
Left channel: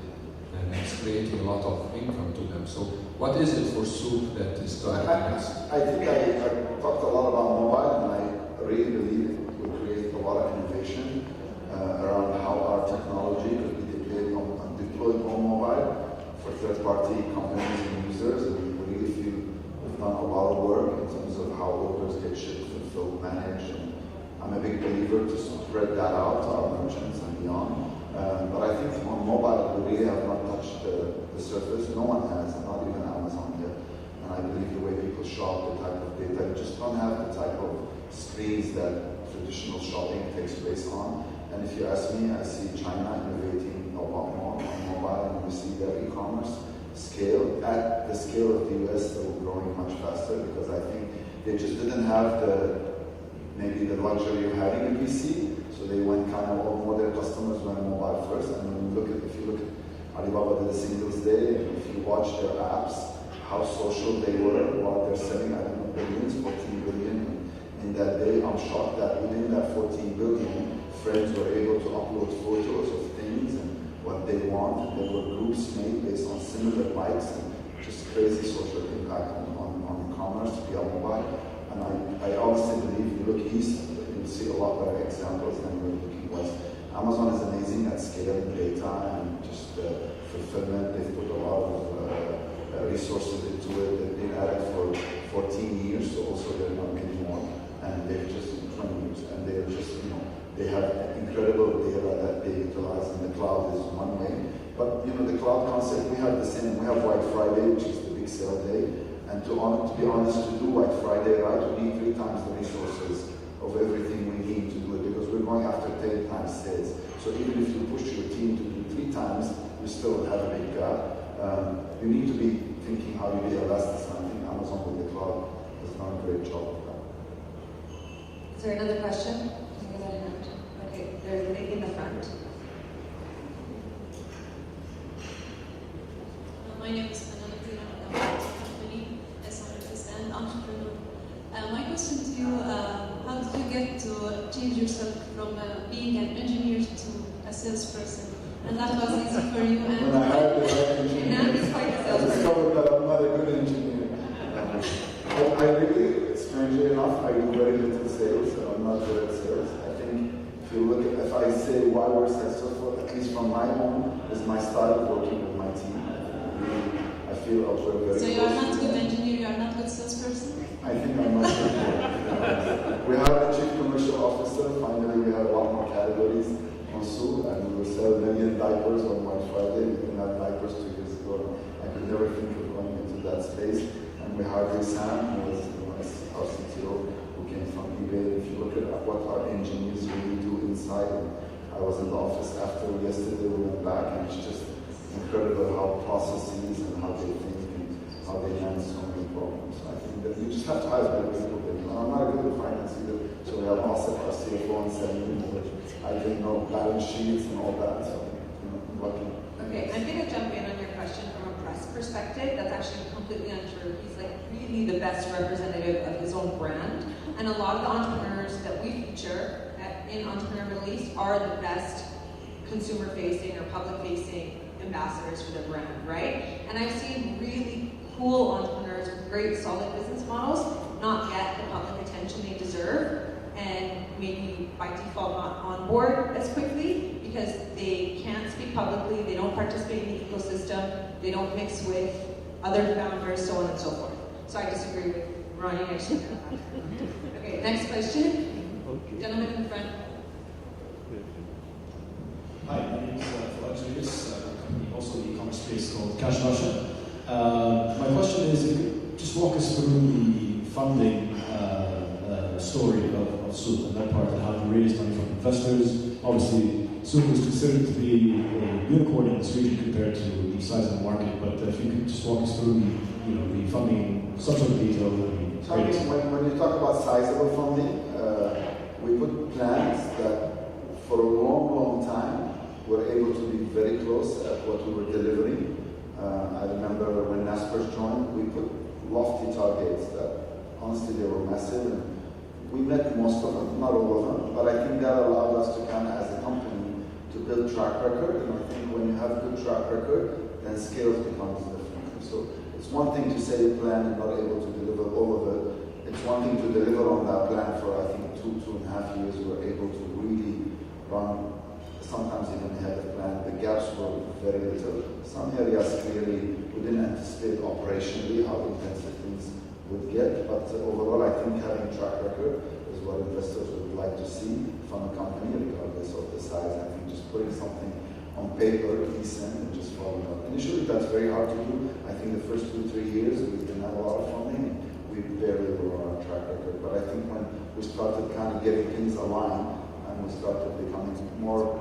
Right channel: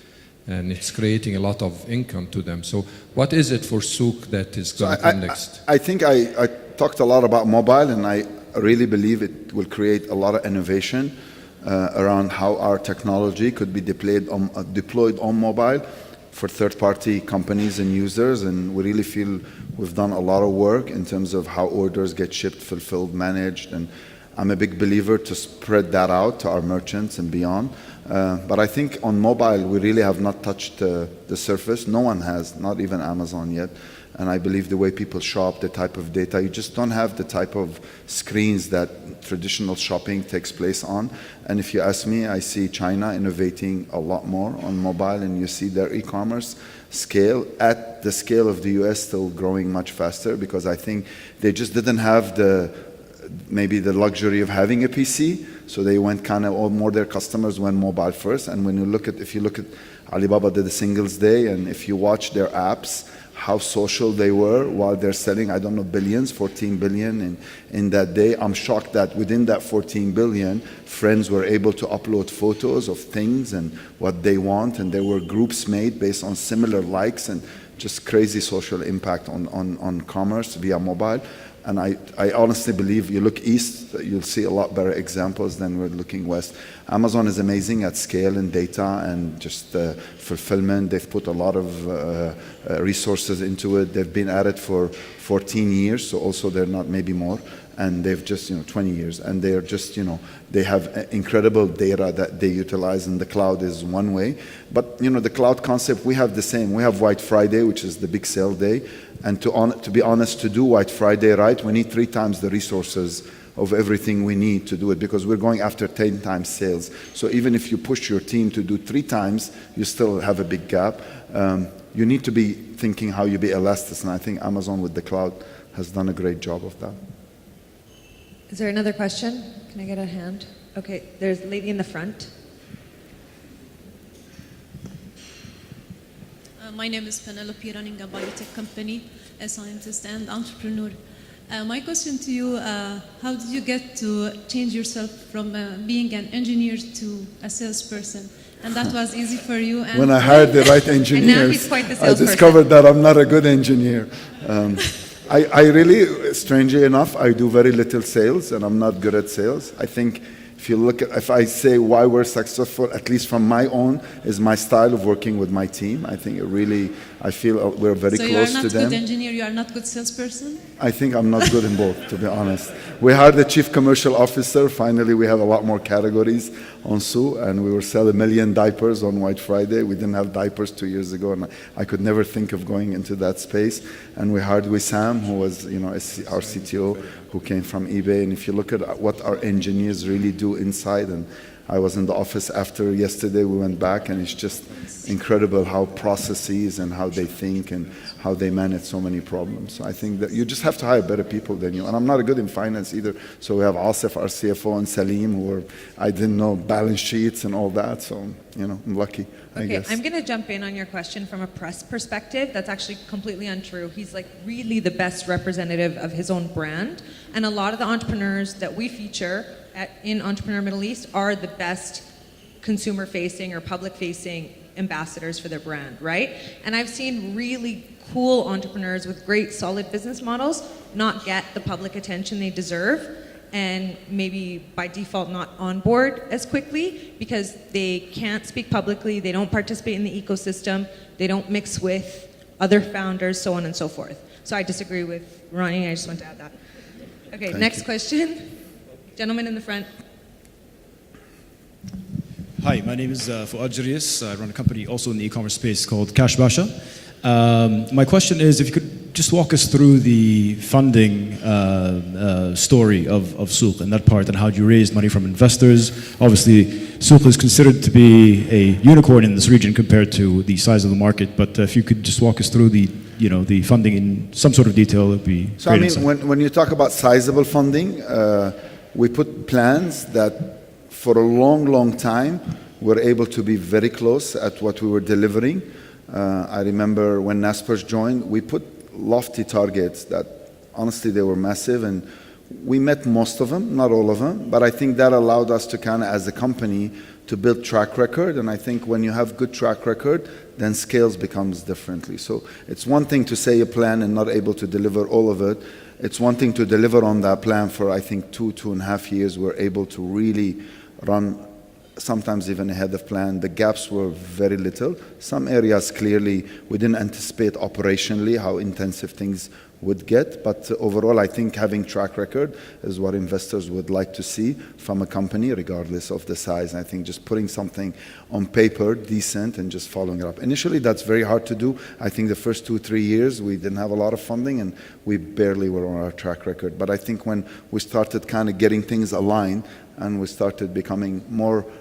and it's creating a lot of income to them. So what is it for souk that is going to come next? I think I talked a lot about mobile, and I really believe it will create a lot of innovation around how our technology could be deployed on mobile for third-party companies and users, and we really feel we've done a lot of work in terms of how orders get shipped, fulfilled, managed, and I'm a big believer to spread that out to our merchants and beyond. But I think on mobile, we really have not touched the surface. No one has, not even Amazon yet. And I believe the way people shop, the type of data, you just don't have the type of screens that traditional shopping takes place on. And if you ask me, I see China innovating a lot more on mobile, and you see their e-commerce scale at the scale of the US still growing much faster, because I think they just didn't have maybe the luxury of having a PC, so they went kind of more their customers went mobile first. And when if you look at Alibaba did a Singles Day, and if you watch their apps, how social they were while they're selling, I don't know, billions, 14 billion in that day. I'm shocked that within that 14 billion, friends were able to upload photos of things and what they want, and there were groups made based on similar likes, and just crazy social impact on commerce via mobile. And I honestly believe you look east, you'll see a lot better examples than we're looking west. Amazon is amazing at scale and data and just fulfillment. They've put a lot of resources into it. They've been at it for 14 years, so also they're not, maybe more, and they've just 20 years, and they're just they have incredible data that they utilize, and the cloud is one way. But the cloud concept, we have the same. We have White Friday, which is the big sale day. And to be honest, to do White Friday right, we need 3 times the resources of everything we need to do it, because we're going after 10 times sales. So even if you push your team to do 3 times, you still have a big gap. You need to be thinking how you be elastic, and I think Amazon with the cloud has done a great job of that. Is there another question? Can I get a hand? Okay, there's a lady in the front. My name is Penelope, running a biotech company, a scientist and entrepreneur. My question to you, how did you get to change yourself from being an engineer to a salesperson? And that was easy for you. And when I hired the right engineers, I discovered that I'm not a good engineer. I really, strangely enough, I do very little sales, and I'm not good at sales. I think If you look at, if I say why we're successful, at least from my own, is my style of working with my team. I think it really, I feel we're very So close to them. So you're not good engineer, you are not good salesperson? I think I'm not good in both, to be honest. We hired the chief commercial officer. Finally, we have a lot more categories on Sue, and we were selling 1 million diapers on White Friday. We didn't have diapers 2 years ago, and I could never think of going into that space. And we hired Wissam, who was, our CTO, who came from eBay. And if you look at what our engineers really do inside, and I was in the office after yesterday, we went back, and it's just incredible how processes and how they think and how they manage so many problems. So I think that you just have to hire better people than you. And I'm not good in finance either. So we have Asif, our CFO, and Salim, who I didn't know balance sheets and all that. So, I'm lucky, I guess. Okay, I'm going to jump in on your question from a press perspective. That's actually completely untrue. He's like really the best representative of his own brand. And a lot of the entrepreneurs that we feature in Entrepreneur Middle East are the best consumer-facing or public-facing ambassadors for their brand, right? And I've seen really cool entrepreneurs with great solid business models not get the public attention they deserve, and maybe by default not on board as quickly because they can't speak publicly, they don't participate in the ecosystem, they don't mix with other founders, so on and so forth. So I disagree with Ronnie, I just want to add that. Okay, next question. Gentleman in the front. Hi, my name is Fuad Jarius. I run a company also in the e-commerce space called Cash Basha. My question is if you could just walk us through the funding story of Souq and that part, and how you raised money from investors. Obviously, Souq is considered to be a unicorn in this region compared to the size of the market, but if you could just walk us through the funding in some sort of detail, it would be great. So I mean, when you talk about sizable funding, we put plans that for a long, long time, we're able to be very close at what we were delivering. I remember when Naspers joined, we put lofty targets that honestly they were massive, and we met most of them, not all of them, but I think that allowed us to kind of, as a company, to build track record. And I think when you have good track record, then scales becomes differently. So it's one thing to say a plan and not able to deliver all of it. It's one thing to deliver on that plan for, I think, 2.5 years. We're able to really run sometimes even ahead of plan. The gaps were very little. Some areas clearly we didn't anticipate operationally how intensive things would get, but overall I think having track record is what investors would like to see from a company regardless of the size. I think just putting something on paper decent and just following it up. Initially that's very hard to do. I think the first 2-3 years we didn't have a lot of funding and we barely were on our track record. But I think when we started kind of getting things aligned and we started becoming more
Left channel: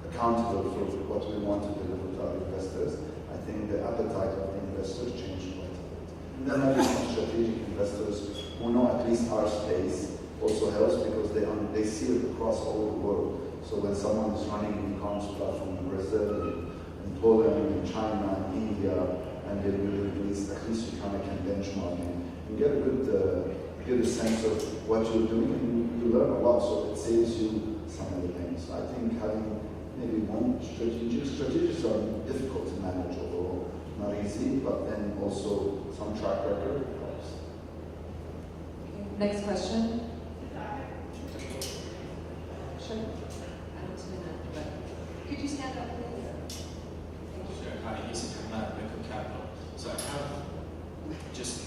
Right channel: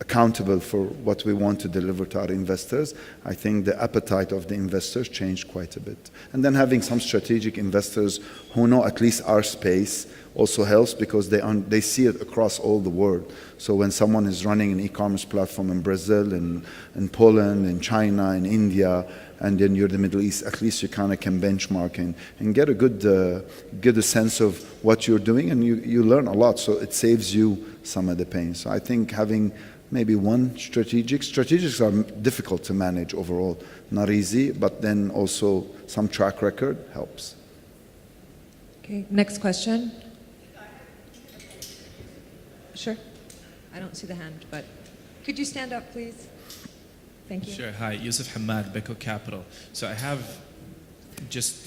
accountable for what we want to deliver to our investors, I think the appetite of the investors changed quite a bit. And then having some strategic investors who know at least our space also helps, because they see it across all the world. So when someone is running an e-commerce platform in Brazil, in Poland, in China, in India, and then you're the Middle East, at least you kind of can benchmark and get a good sense of what you're doing, and you learn a lot, so it saves you some of the pain. So I think having maybe one strategics are difficult to manage overall, not easy, but then also some track record helps. Okay, next question. Sure. I don't see the hand, but could you stand up, please? Thank you. Sure. Hi, Yusuf Hamad, Beko Capital. So I have just,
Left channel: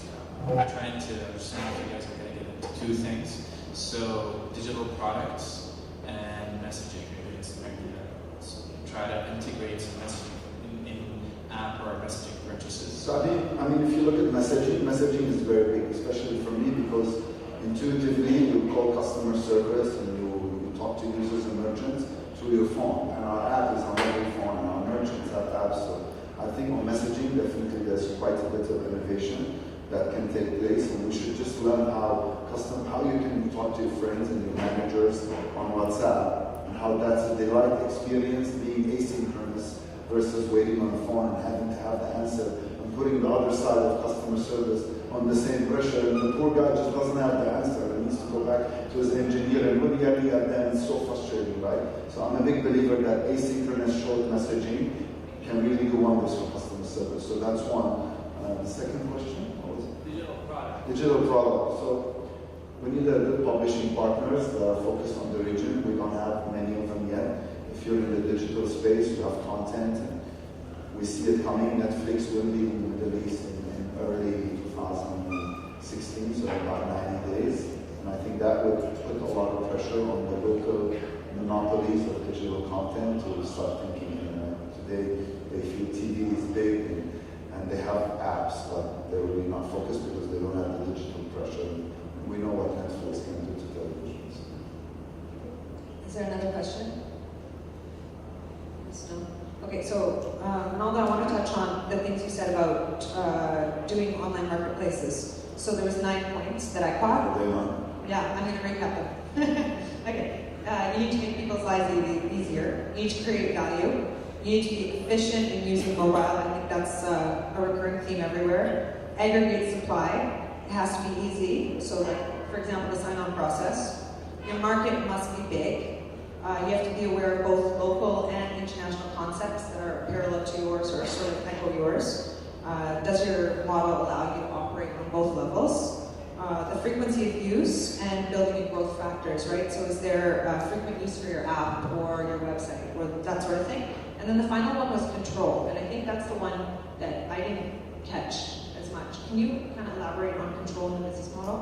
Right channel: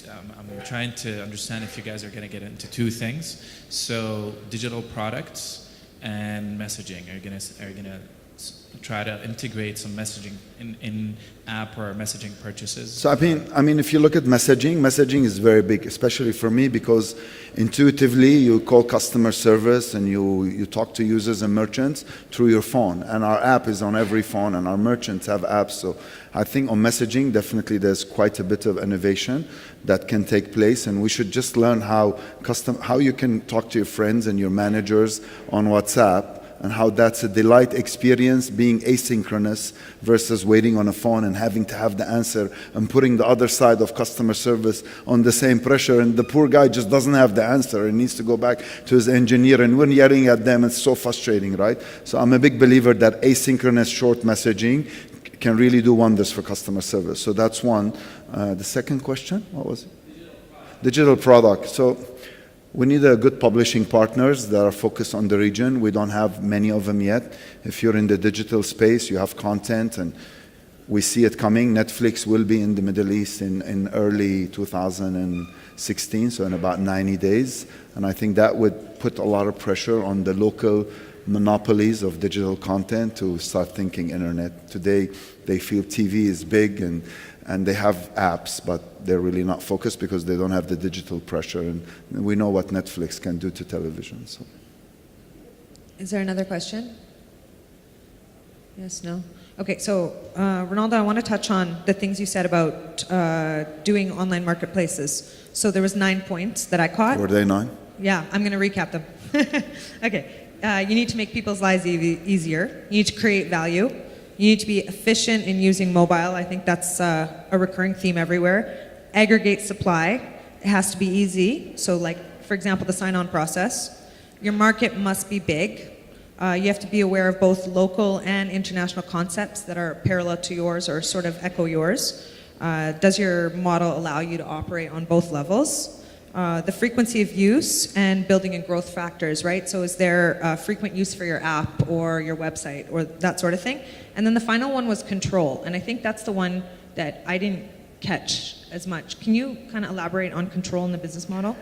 I'm trying to understand if you guys are going to get into two things. So digital products and messaging. Are you going to try to integrate some messaging in app or messaging purchases? So I mean, if you look at messaging is very big, especially for me, because intuitively you call customer service and you talk to users and merchants through your phone, and our app is on every phone and our merchants have apps. So I think on messaging definitely there's quite a bit of innovation that can take place, and we should just learn how you can talk to your friends and your managers on WhatsApp, and how that's a delight experience being asynchronous versus waiting on a phone and having to have the answer and putting the other side of customer service on the same pressure, and the poor guy just doesn't have the answer and needs to go back to his engineer, and we're yelling at them. It's so frustrating, right? So I'm a big believer that asynchronous short messaging can really do wonders for customer service. So that's one. The second question, what was it? Digital product. So We need a good publishing partners that are focused on the region. We don't have many of them yet. If you're in the digital space, you have content, and we see it coming. Netflix will be in the Middle East in early 2016, so in about 90 days. And I think that would put a lot of pressure on the local monopolies of digital content to start thinking internet. Today, they feel TV is big and they have apps, but they're really not focused because they don't have the digital pressure. And we know what Netflix can do to television. So. Is there another question? Yes, no? Okay, so Ronaldo, I want to touch on the things you said about doing online marketplaces. So there was 9 points that I caught. Were they 9? Yeah, I'm going to recap them. Okay, you need to make people's lives easier. You need to create value. You need to be efficient in using mobile. I think that's a recurring theme everywhere. Aggregate supply. It has to be easy. So like, for example, the sign-on process. Your market must be big. You have to be aware of both local and international concepts that are parallel to yours or sort of echo yours. Does your model allow you to operate on both levels? The frequency of use and building in growth factors, right? So is there frequent use for your app or your website or that sort of thing? And then the final one was control. And I think that's the one that I didn't catch as much. Can you kind of elaborate on control in the business model?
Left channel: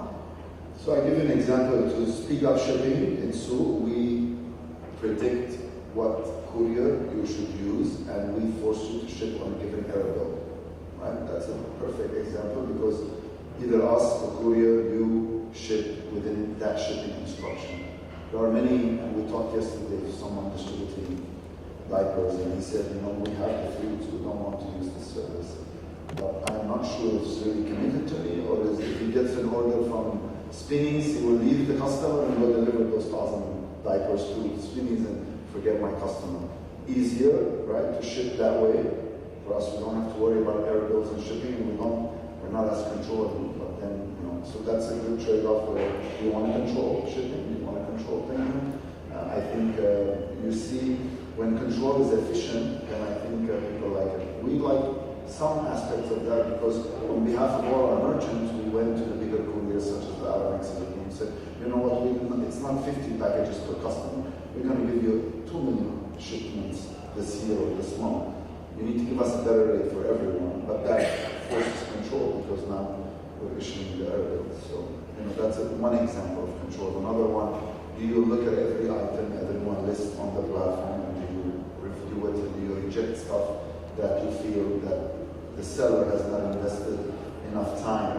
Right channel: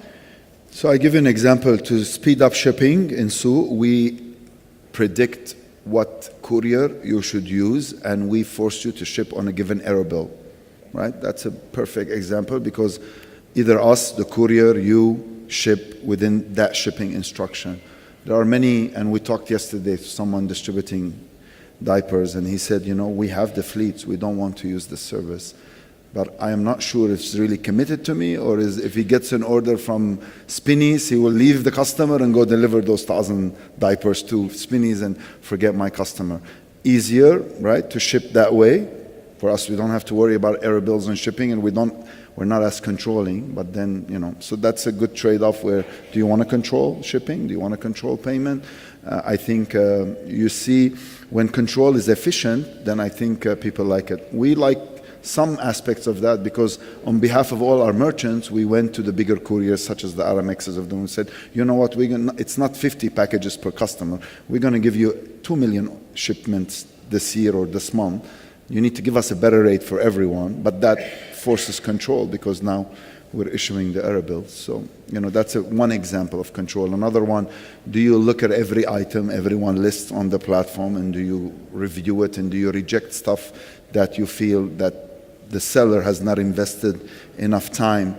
So I give you an example. To speed up shipping in Souk, we predict what courier you should use, and we force you to ship on a given error bill, right? That's a perfect example because either us, the courier, you ship within that shipping instruction. There are many, and we talked yesterday to someone distributing diapers, and he said, you know, we have the fleets, we don't want to use this service. But I'm not sure if it's really committed to me, or is if he gets an order from Spinneys, he will leave the customer and go deliver those 1,000 diapers to Spinneys and forget my customer. Easier, right, to ship that way. For us, we don't have to worry about error bills and shipping, and we're not as controlling, but then, you know, so that's a good trade-off where do you want to control shipping? Do you want to control payment? I think you see when control is efficient, then I think people like it. We like some aspects of that because on behalf of all our merchants, we went to the bigger couriers such as the Aramexes of them and said, you know what, it's not 50 packages per customer. We're going to give you 2 million shipments this year or this month. You need to give us a better rate for everyone, but that forces control because now we're issuing the error bills. So, you know, that's one example of control. Another one, do you look at every item everyone lists on the platform and do you review it and do you reject stuff that you feel that the seller has not invested enough time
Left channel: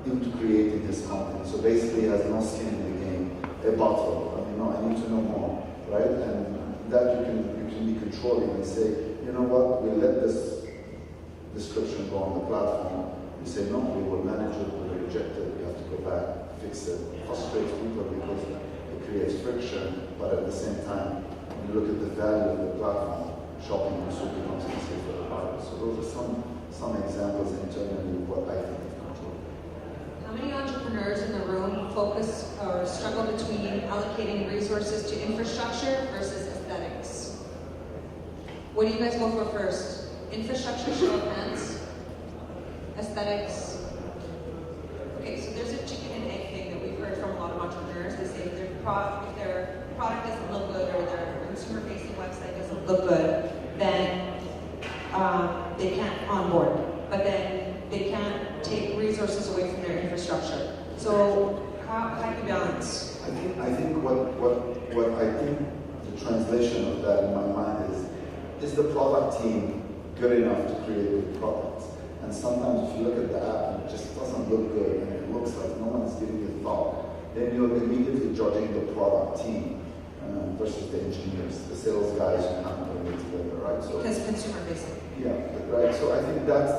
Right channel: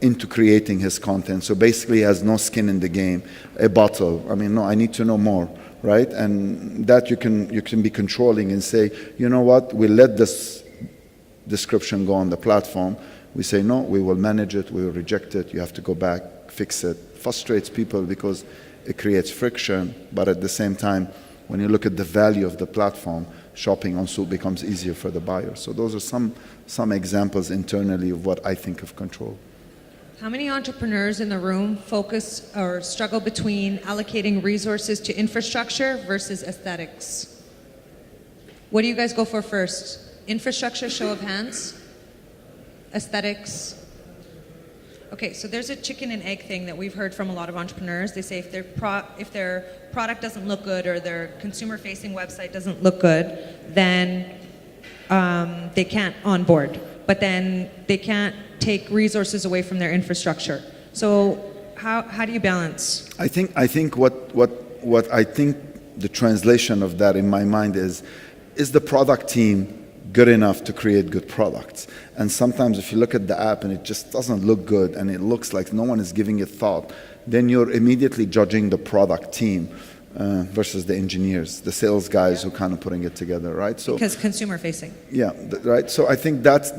into creating his content? So basically he has no skin in the game. A bottle, I mean, no, I need to know more. Right, and that you can be controlling and say, you know what, we let this description go on the platform. We say no, we will manage it, we will reject it. You have to go back, fix it. Frustrates people because it creates friction, but at the same time, when you look at the value of the platform, shopping on Souk becomes easier for the buyer. So those are some examples internally of what I think of control. How many entrepreneurs in the room focus or struggle between allocating resources to infrastructure versus aesthetics? What do you guys go for first? Infrastructure, show of hands? Aesthetics? Okay, so there's a chicken and egg thing that we've heard from a lot of entrepreneurs. They say if their product doesn't look good or their consumer-facing website doesn't look good, then they can't onboard. But then they can't take resources away from their infrastructure. So how do you balance? I think what I think the translation of that in my mind is the product team good enough to create good products? And sometimes if you look at the app and it just doesn't look good and it looks like no one is giving it thought, then you're immediately judging the product team versus the engineers, the sales guys who kind of putting it together, right? So because consumer facing. Yeah, right. So I think that's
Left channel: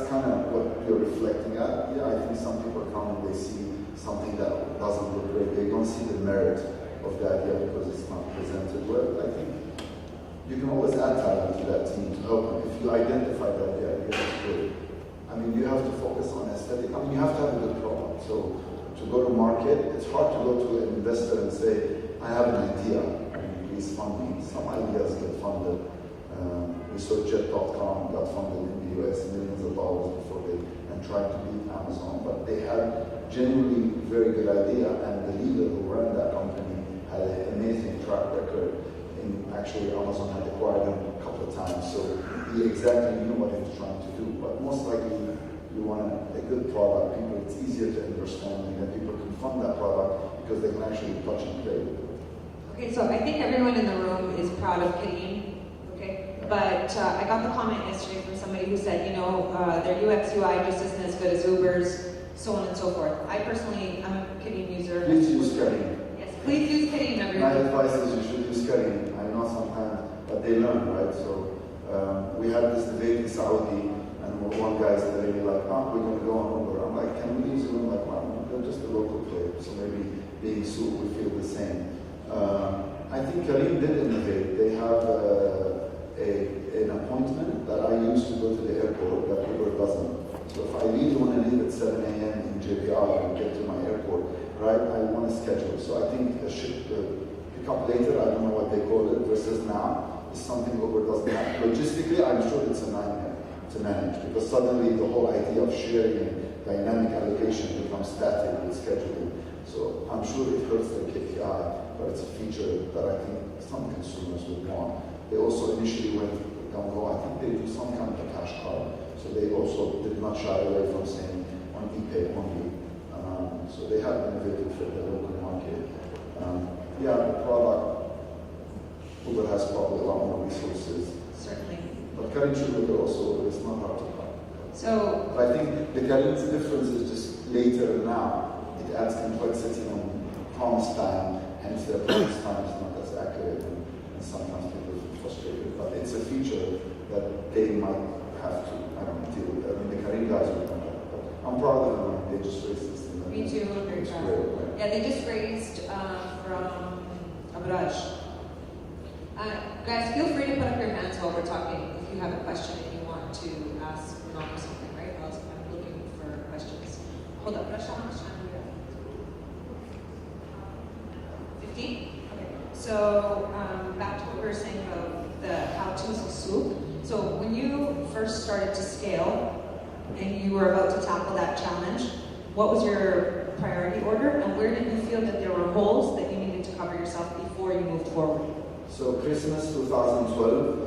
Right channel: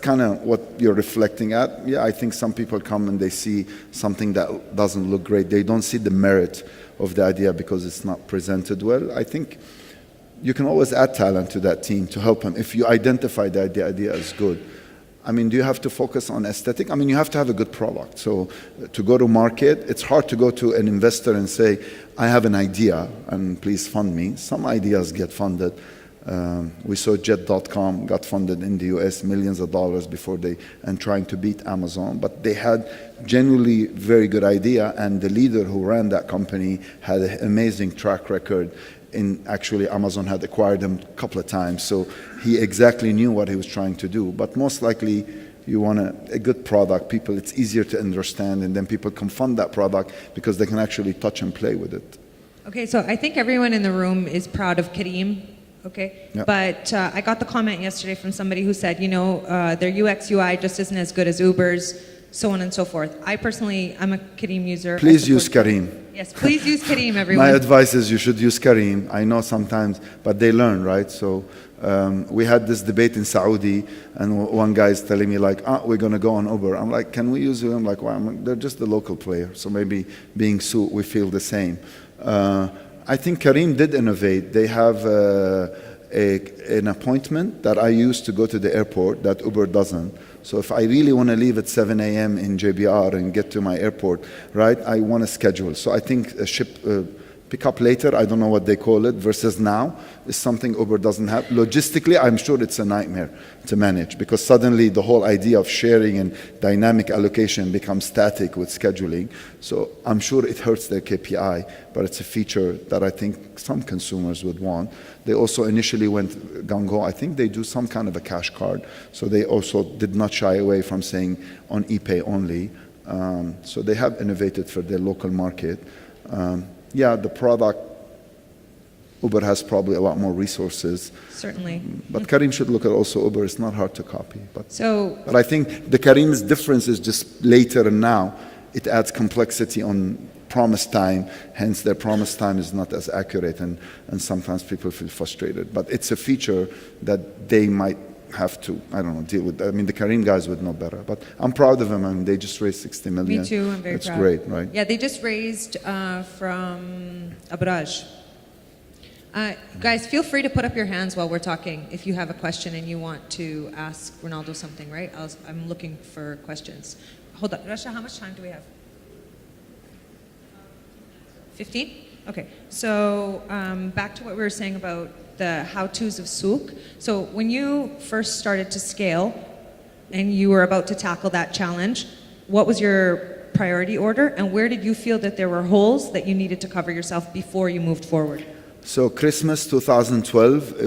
kind of what you're reflecting at. Yeah, I think some people come and they see something that doesn't look great. They don't see the merit of the idea because it's not presented well. I think you can always add talent to that team to help them. If you identify that the idea is good. I mean, do you have to focus on aesthetic? I mean, you have to have a good product. So to go to market, it's hard to go to an investor and say, I have an idea and please fund me. Some ideas get funded. We saw Jet.com got funded in the US millions of dollars before and trying to beat Amazon, but they had genuinely very good idea, and the leader who ran that company had an amazing track record. Actually, Amazon had acquired him a couple of times, so he exactly knew what he was trying to do. But most likely, you want a good product. It's easier to understand, and then people can fund that product because they can actually touch and play with it. Okay, so I think everyone in the room is proud of Kareem. Okay, Yep. but I got the comment yesterday from somebody who said, their UX UI just isn't as good as Uber's, so on and so forth. I personally, I'm a Kareem user. Please use Kareem. Yes, please use Kareem, everyone. My advice is you should use Kareem. I know sometimes, but they learn, right? So we had this debate in Saudi, and one guy is telling me like, we're going to go on Uber. I'm like, can we use you? I'm like, well, they're just a local player. So maybe being Souk, we feel the same. I think Kareem did innovate. They have an appointment that I use to go to the airport that Uber doesn't. So if I really want to leave at 7 a.m. in JBR and get to my airport, right, I want to schedule. So I think a pick up later, I don't know what they call it, versus now, is something Uber doesn't have. Logistically, I'm sure it's a nightmare to manage because suddenly the whole idea of sharing and dynamic allocation becomes static with scheduling. So I'm sure it hurts their KPI, but it's a feature that I think some consumers would want. They also initially went gung-ho. I think they do some kind of a cash card. So they also did not shy away from saying on ePay only. So they have innovated for their local market. The product, Uber has probably a lot more resources. Certainly. But Kareem should look at also Uber. It's not hard to copy. But I think the Kareem's difference is just later and now. It adds complexity on promise time, hence their promise time is not as accurate, and sometimes people feel frustrated. But it's a feature that they might have to, deal with. I mean, the Kareem guys would know better. But I'm proud of them. I mean, they just raised 60 million. Me too, I'm very That's proud. great, right? Yeah, they just raised from Abraj. Guys, feel free to put up your hands while we're talking if you have a question and you want to ask Ronaldo something, right? I'm looking for questions. Hold up, Rasha, how much time do we have? 15? Okay, so back to what we were saying about the how-tos of Souk. So when you first started to scale and you were about to tackle that challenge, what was your priority order and where did you feel that there were holes that you needed to cover yourself before you moved forward? So Christmas 2012,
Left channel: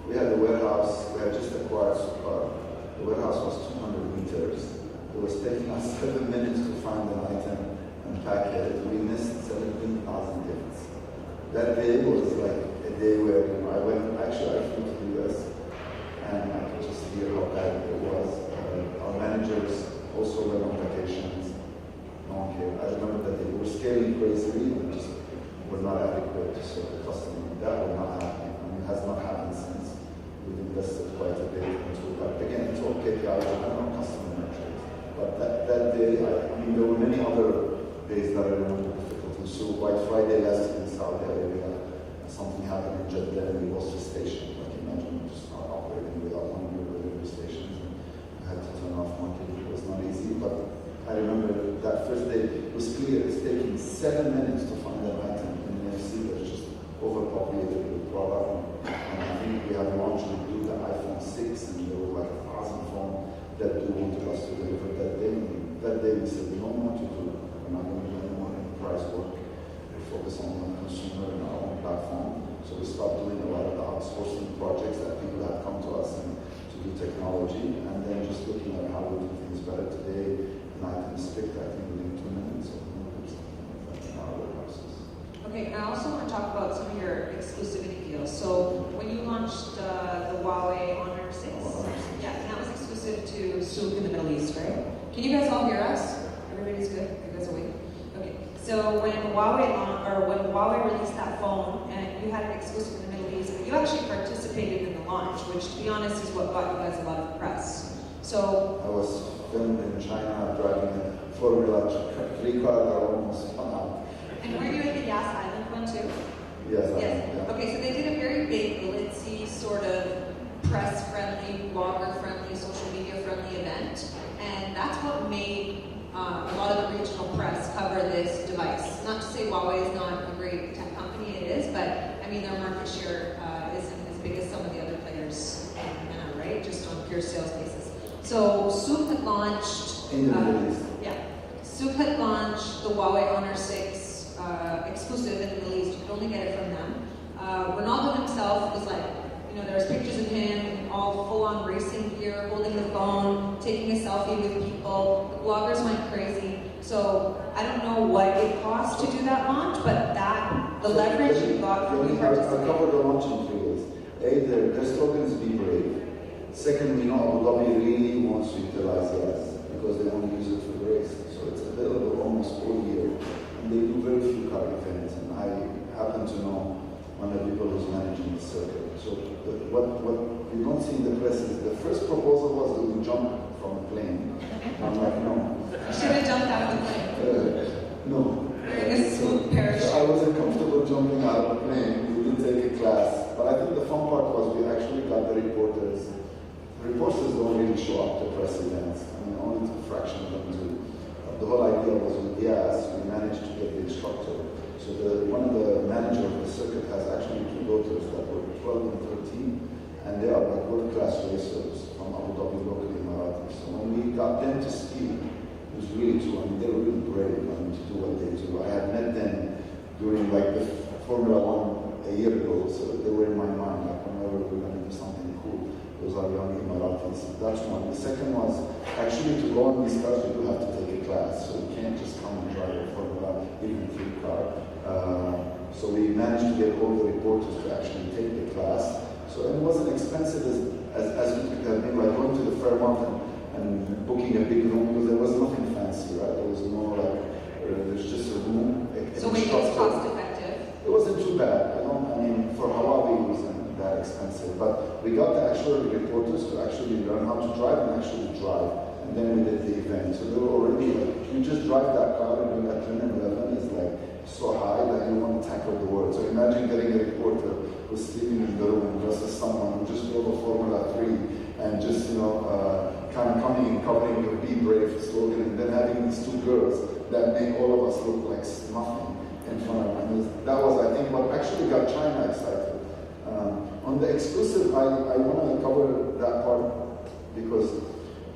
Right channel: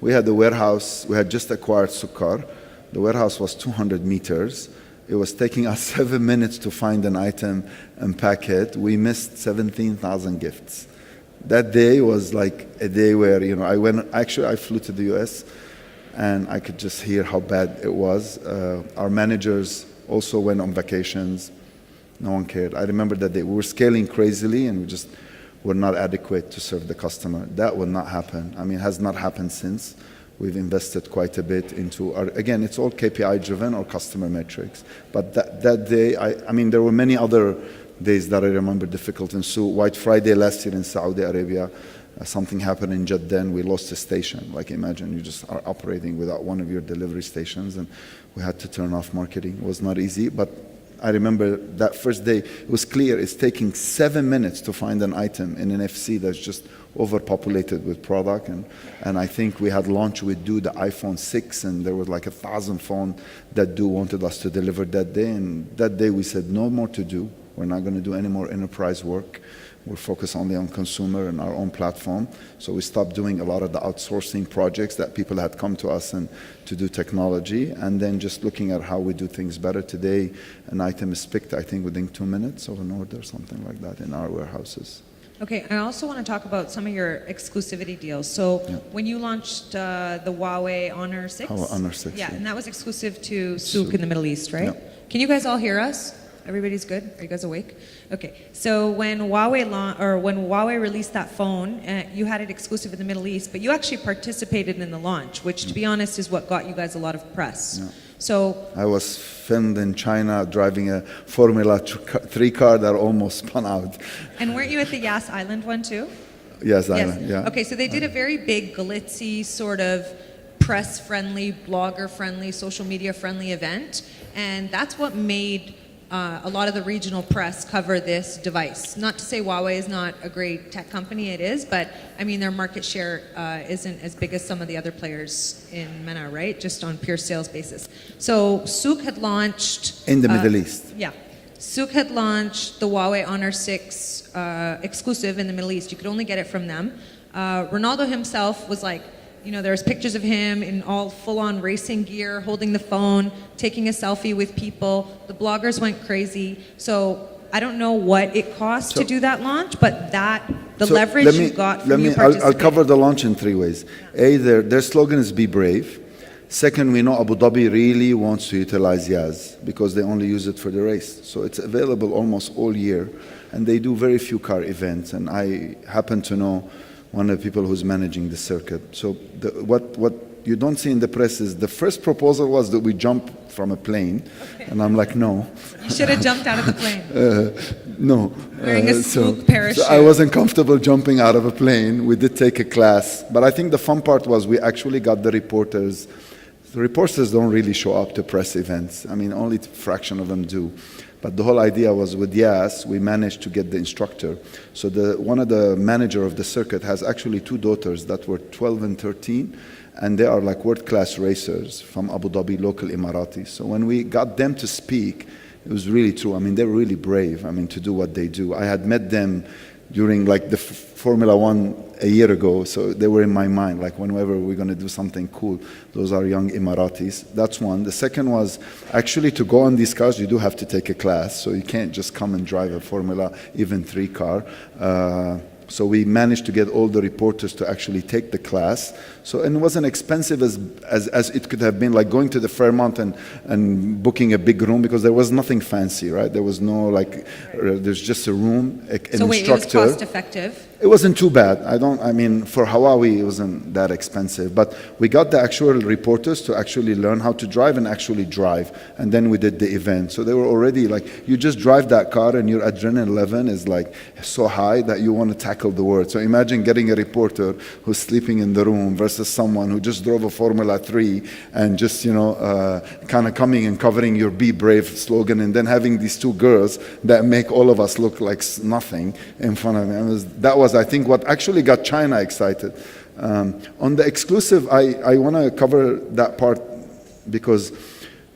we had the warehouse, we had just acquired Sukkar. The warehouse was 200 meters. It was taking us 7 minutes to find an item and pack it. We missed 17,000 gifts. That day was like a day where, I flew to the US and I could just hear how bad it was. Our managers also went on vacations. No one cared. I remember that day. We were scaling crazily and just were not adequate to serve the customer. That will not happen. I mean, it has not happened since. We've invested quite a bit into again, it's all KPI driven or customer metrics. But that day, there were many other days that I remember difficult in Souk. White Friday last year in Saudi Arabia, something happened in Jeddah and we lost a station. Like imagine you just are operating without one of your delivery stations and we had to turn off marketing. It was not easy, but I remember that first day, it was clear it's taking 7 minutes to find an item in an FC that's just overpopulated with product, and I think we had launched with the iPhone 6 and there was like 1,000 phones that wanted us to deliver that day, and that day we said no more to do. We're not going to do any more enterprise work. We're focused only on consumer and our own platform. So we stopped doing a lot of the outsourcing projects that people had come to us and to do technology, and then just looking at how we do things better. Today, an item is picked, I think, within 2 minutes or an order, something like that in our warehouses. Okay, I also want to talk about some of your exclusivity deals. So when you launched the Huawei Honor 6? Oh, Honor 6. Yeah, and that was exclusive to Souk in the Middle East, right? Yep. Can you guys all hear us? Everybody's good? Are you guys awake? Okay, so when Huawei released that phone, you had it exclusive in the Middle East, but you actually participated in the launch, which to be honest is what got you guys a lot of press. Yeah. So I was filmed in China driving a Formula 3 car that almost spun out. And were you at the Yas Island one too? Yes, Island, yeah. Okay, so they did a very big glitzy sort of press-friendly, blogger-friendly, social media-friendly event, and that's what made a lot of the regional press cover this device. Not to say Huawei is not a great tech company, it is, but I mean their market share isn't as big as some of the other players in MENA, right? Just on pure sales basis. So Souk had launched... In the Middle East. Yeah. Souk had launched the Huawei Honor 6 exclusive in the Middle East. You could only get it from them. Ronaldo himself was like, you know, there's pictures of him in all full-on racing gear, holding the phone, taking a selfie with people. The bloggers went crazy. So I don't know what it cost to do that launch, but the leverage you got from you participating. I'll cover the launch in 3 ways. A, their slogan is "Be brave." Second, we know Abu Dhabi really wants to utilize Yaz because they only use it for the race. So it's available almost all year, and they do very few car events. And I happen to know one of the people who's managing the circuit. So what you don't see in the press is the first proposal was that we jump from a plane, and I'm like, no. You should have jumped out of the plane. No. Wearing a Souk parachute. So I wasn't comfortable jumping out of a plane. We did take a class, but I think the fun part was we actually got the reporters. The reporters don't really show up to press events. I mean, only a fraction of them do. But the whole idea was with Yas, we managed to get the instructor. So one of the manager of the circuit has actually 2 daughters that were 12 and 13, and they are like world-class racers from Abu Dhabi, local Emiratis. So when we got them to speak, it was really true. I mean, they were really brave, I mean, to do what they do. I had met them during like the Formula One a year ago, so they were in my mind, like whenever we're going to do something cool, those are young Emiratis. That's one. The second was actually to go on these cars, you do have to take a class, so you can't just come and drive a Formula, even 3 car. So we managed to get all the reporters to actually take the class. So it wasn't expensive as it could have been, like going to the Fairmont and booking a big room, because there was nothing fancy, right? There was no there's just a room, an so wait, instructor. it was cost effective? It wasn't too bad. I mean, for Huawei, it wasn't that expensive. But we got the actual reporters to actually learn how to drive and actually drive. And then we did the event. So they were already like, you just drive that car and your adrenaline level is like so high that you want to tackle the world. So imagine getting a reporter who's sleeping in the room versus someone who just drove a Formula 3 and just, kind of coming and covering your "Be Brave" slogan, and then having these 2 girls that make all of us look like nothing in front of me. And that was, I think, what actually got China excited. On the exclusive, I want to cover that part because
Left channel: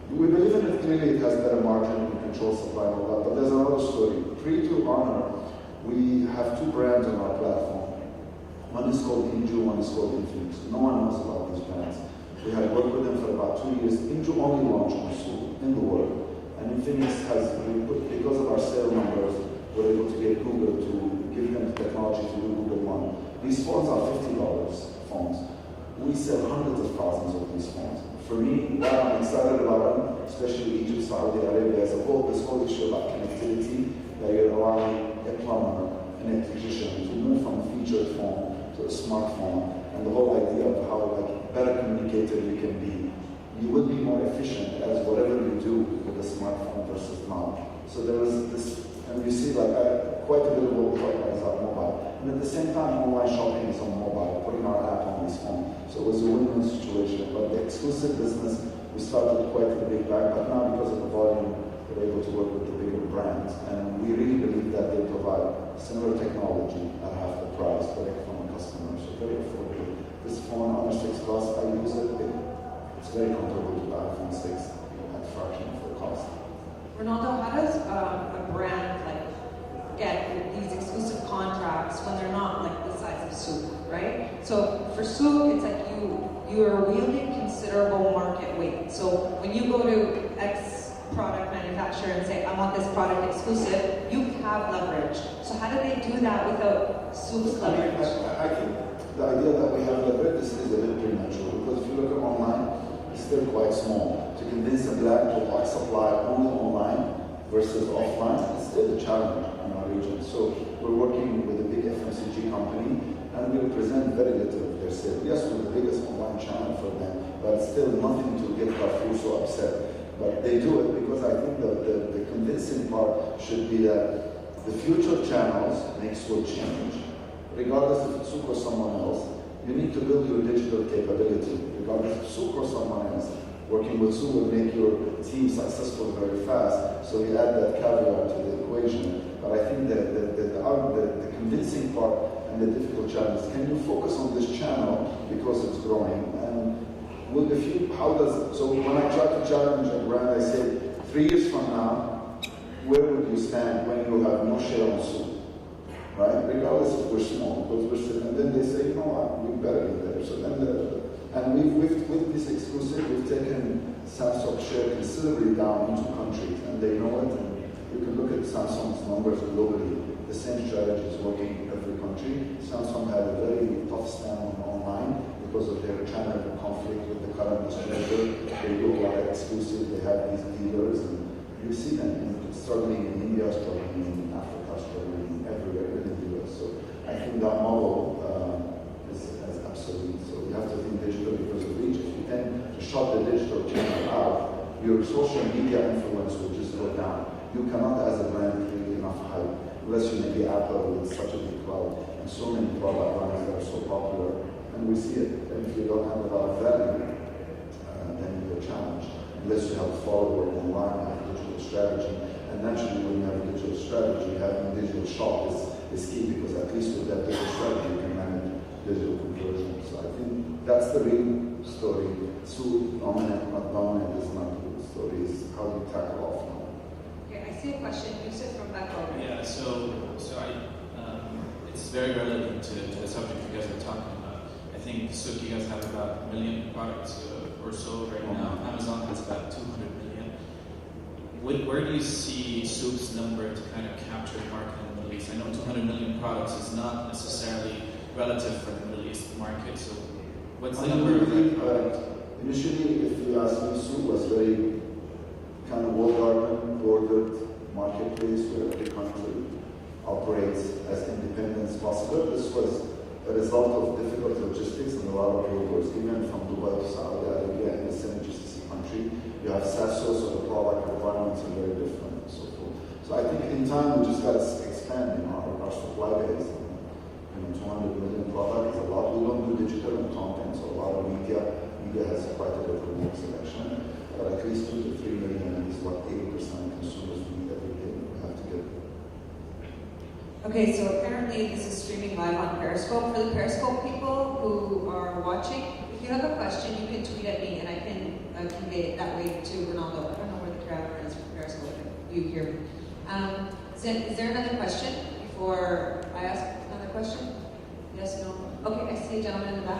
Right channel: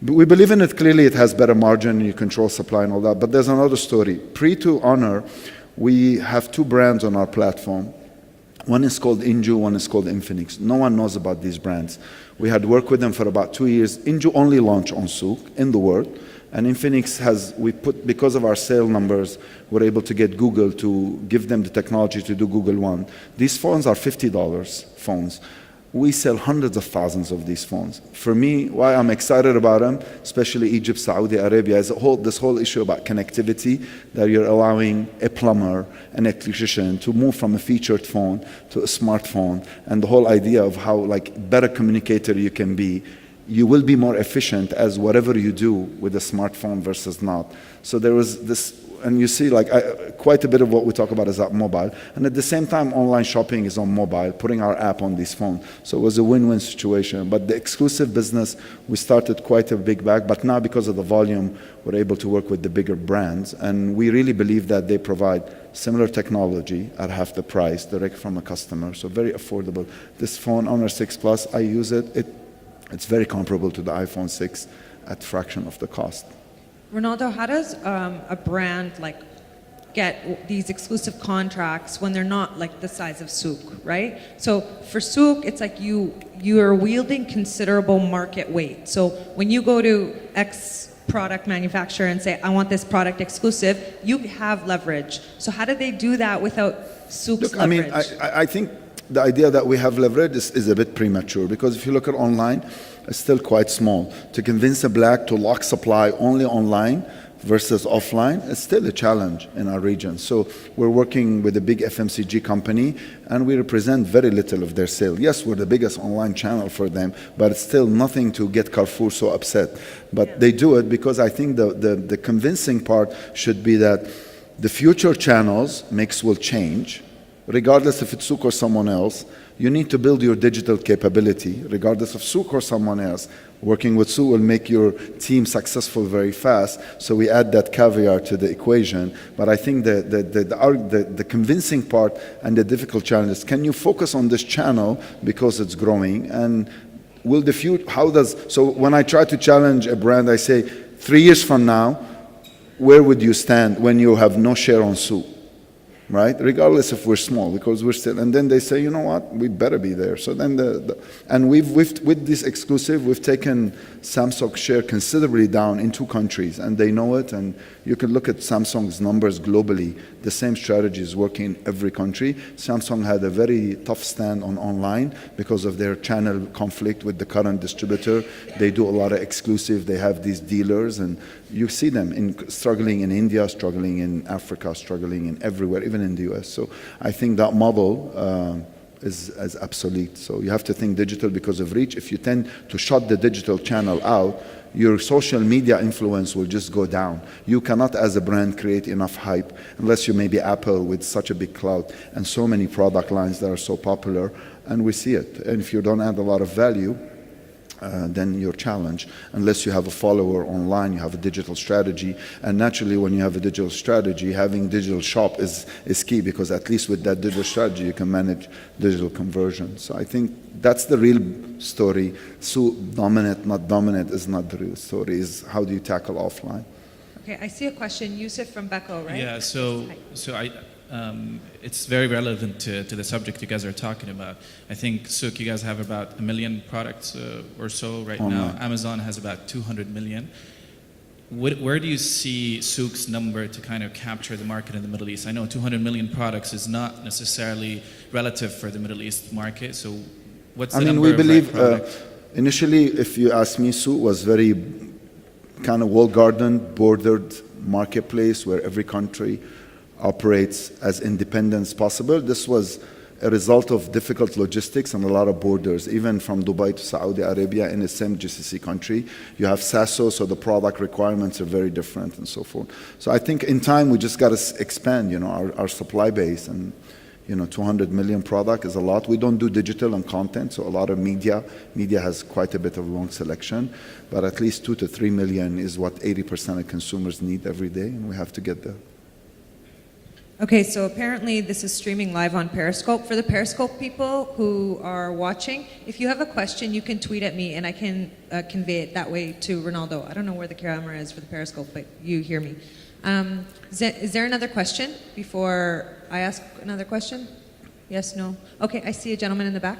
we believe in it. Clearly, it has better margin, you control supply and all that, but there's another story. Pre to Honor, we have 2 brands on our platform. One is called Inju, one is called Infinix. No one knows about these brands. We had worked with them for about 2 years. Inju only launched on Souk in the world, and Infinix because of our sale numbers, we're able to get Google to give them the technology to do Google One. These phones are $50 phones. We sell hundreds of thousands of these phones. For me, why I'm excited about them, especially Egypt, Saudi Arabia, is this whole issue about connectivity, that you're allowing a plumber, an electrician to move from a featured phone to a smartphone, and the whole idea of how better communicator you can be. You will be more efficient as whatever you do with a smartphone versus not. So there was this, and you see quite a bit of what we talk about is on mobile. And at the same time, online shopping is on mobile, putting our app on this phone. So it was a win-win situation. But the exclusive business, we started quite a big bag, but now because of the volume, we're able to work with the bigger brands. And we really believe that they provide similar technology at half the price, direct from a customer. So very affordable. This phone, Honor 6 Plus, I use it. It's very comparable to the iPhone 6 at fraction of the cost. Ronaldo, how does a brand get these exclusive contracts when they're not the size of Souk, right? So for Souk, it's like you are wielding considerable market weight. So when you go to X product manufacturer and say, I want this product exclusive, you have leverage. So how do they do that without Souk's leverage? I think the idea that we have leverage is a bit premature, because if you look at online, it's still quite small. To convince a black to lock supply only online versus offline, it's still a challenge in our region. So we're working with a big FMCG company, and we represent very little of their sale. Yes, we're the biggest online channel for them, but it's still nothing to get Carrefour so upset. But they do it because I think the convincing part should be that the future channels mix will change, regardless if it's Souk or someone else, You need to build your digital capability, regardless of Souk or someone else. Working with Souk will make your team successful very fast, so we add that caveat to the equation. But I think the convincing part and the difficult challenge is, can you focus on this channel because it's growing, and will the future, so when I try to challenge a brand, I say, 3 years from now, where would you stand when you have no share on Souk? Right? Regardless if we're small, because we're still, and then they say, you know what, we better be there. So then and we've with this exclusive, we've taken Samsung's share considerably down in 2 countries, and they know it, and you can look at Samsung's numbers globally. The same strategy is working in every country. Samsung had a very tough stand on online because of their channel conflict with the current distributor. They do a lot of exclusive, they have these dealers, and you see them struggling in India, struggling in Africa, struggling in everywhere, even in the US. So I think that model is obsolete. So you have to think digital because of reach. If you tend to shut the digital channel out, your social media influence will just go down. You cannot, as a brand, create enough hype unless you may be Apple with such a big cloud and so many product lines that are so popular, and we see it. And if you don't add a lot of value, then you're challenged. Unless you have a follower online, you have a digital strategy. And naturally, when you have a digital strategy, having digital shop is key, because at least with that digital strategy, you can manage digital conversion. So I think that's the real story. So dominant, not dominant is not the real story. Is how do you tackle offline? Okay, I see a question. Yusuf from Beko, right? Yeah, so it's very relevant to the subject you guys are talking about. I think Souk, you guys have about 1 million products or so right now. Amazon has about 200 million. Where do you see Souk's number to kind of capture the market in the Middle East? I know 200 million products is not necessarily relative for the Middle East market, so what's the number we of believe, products? initially, if you ask me, Souk was very kind of walled-garden, bordered marketplace where every country operates as independent as possible. This was a result of difficult logistics and a lot of borders, even from Dubai to Saudi Arabia in the same GCC country. You have SASO, so the product requirements are very different and so forth. So I think in time we just got to expand, our supply base, and 200 million product is a lot. We don't do digital and content, so a lot of media has quite a bit of long selection, but at least 2 to 3 million is what 80% of consumers need every day, and we have to get there. Okay, so apparently this is streaming live on Periscope. For the Periscope people who are watching, if you have a question, you can tweet at me and I can convey it that way to Ronaldo. I don't know where the camera is for the Periscope, but you hear me. Is there another question before I ask another question? Yes, no? Okay, I see a gentleman in the back.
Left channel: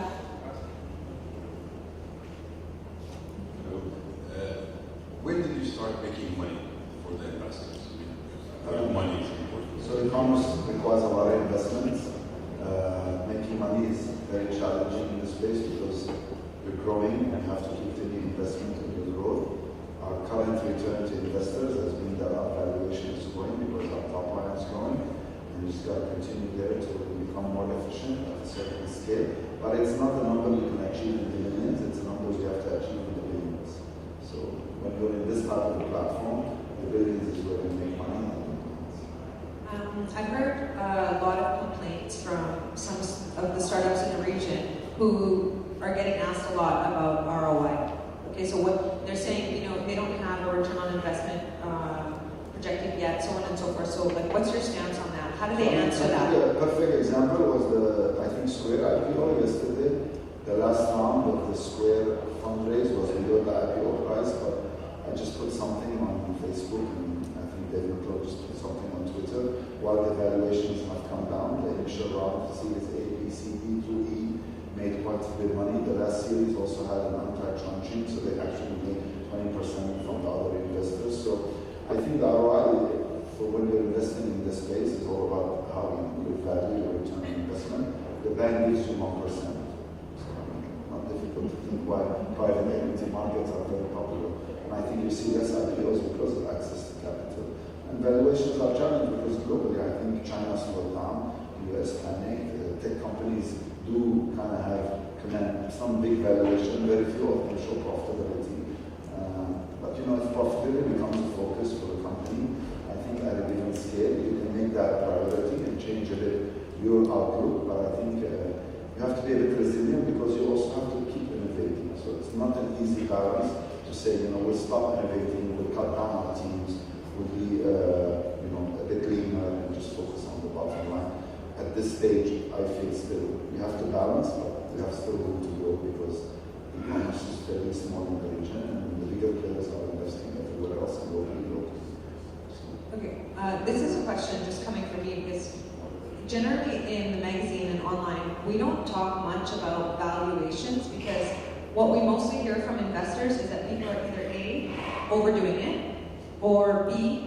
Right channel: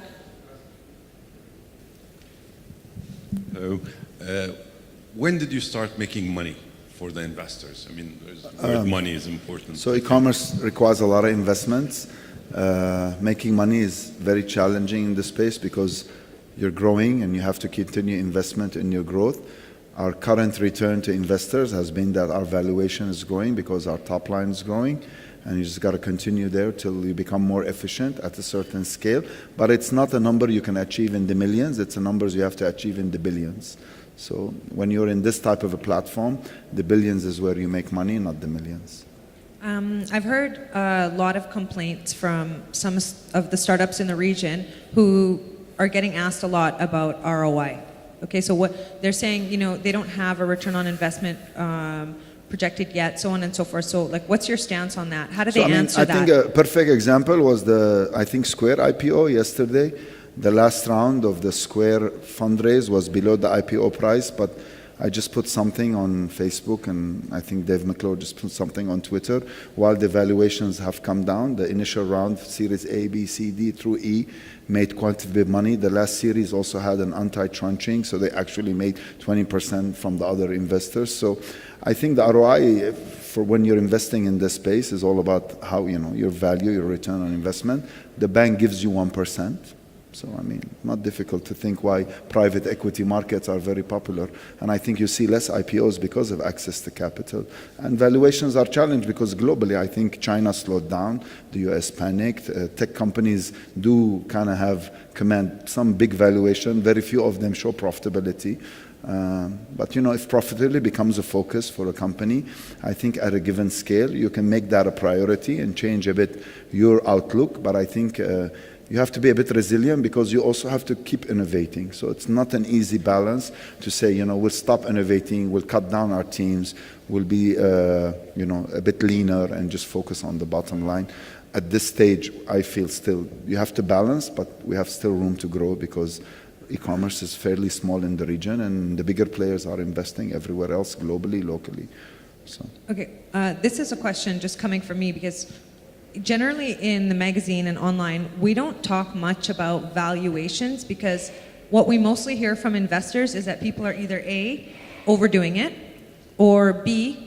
Hello. When did you start making money for the investors? I mean, money is important. So e-commerce requires a lot of investments. Making money is very challenging in this space because you're growing and you have to continue investment in your growth. Our current return to investors has been that our valuation is growing because our top line is growing, and you just got to continue there till you become more efficient at a certain scale. But it's not a number you can achieve in the millions, it's a numbers you have to achieve in the billions. So when you're in this type of a platform, the billions is where you make money, not the millions. I've heard a lot of complaints from some of the startups in the region who are getting asked a lot about ROI. Okay, so what they're saying, they don't have a return on investment projected yet, so on and so forth. So, what's your stance on that? How do they answer that? I think a perfect example was Square IPO yesterday. The last round of the Square fundraise was below the IPO price, but I just put something on Facebook, and I think Dave McClure just put something on Twitter. While the valuations have come down, the initial round, Series A, B, C, D through E, made quite a bit of money. The last series also had an anti-tranching, so they actually made 20% from the other investors. So I think the ROI for when you're investing in this space is all about how, your value, your return on investment. The bank gives you 1%. So, not difficult to think why private equity markets are very popular. And I think you see less IPOs because of access to capital. And valuations are challenged because globally, I think China slowed down, the US panicked. Tech companies do kind of have command some big valuation. Very few of them show profitability. But if profitability becomes a focus for a company, I think at a given scale, you can make that a priority and change a bit your outlook. But I think You have to be a bit resilient because you also have to keep innovating. So it's not an easy balance to say, you know, we'll stop innovating, we'll cut down our teams, we'll be, you know, a bit leaner and just focus on the bottom line. At this stage, I feel still you have to balance, but we have still room to grow because e-commerce is fairly small in the region, and the bigger players are investing everywhere else, globally, locally. So. Okay, this is a question just coming from me because generally in the magazine and online, we don't talk much about valuations because what we mostly hear from investors is that people are either A, overdoing it, or B,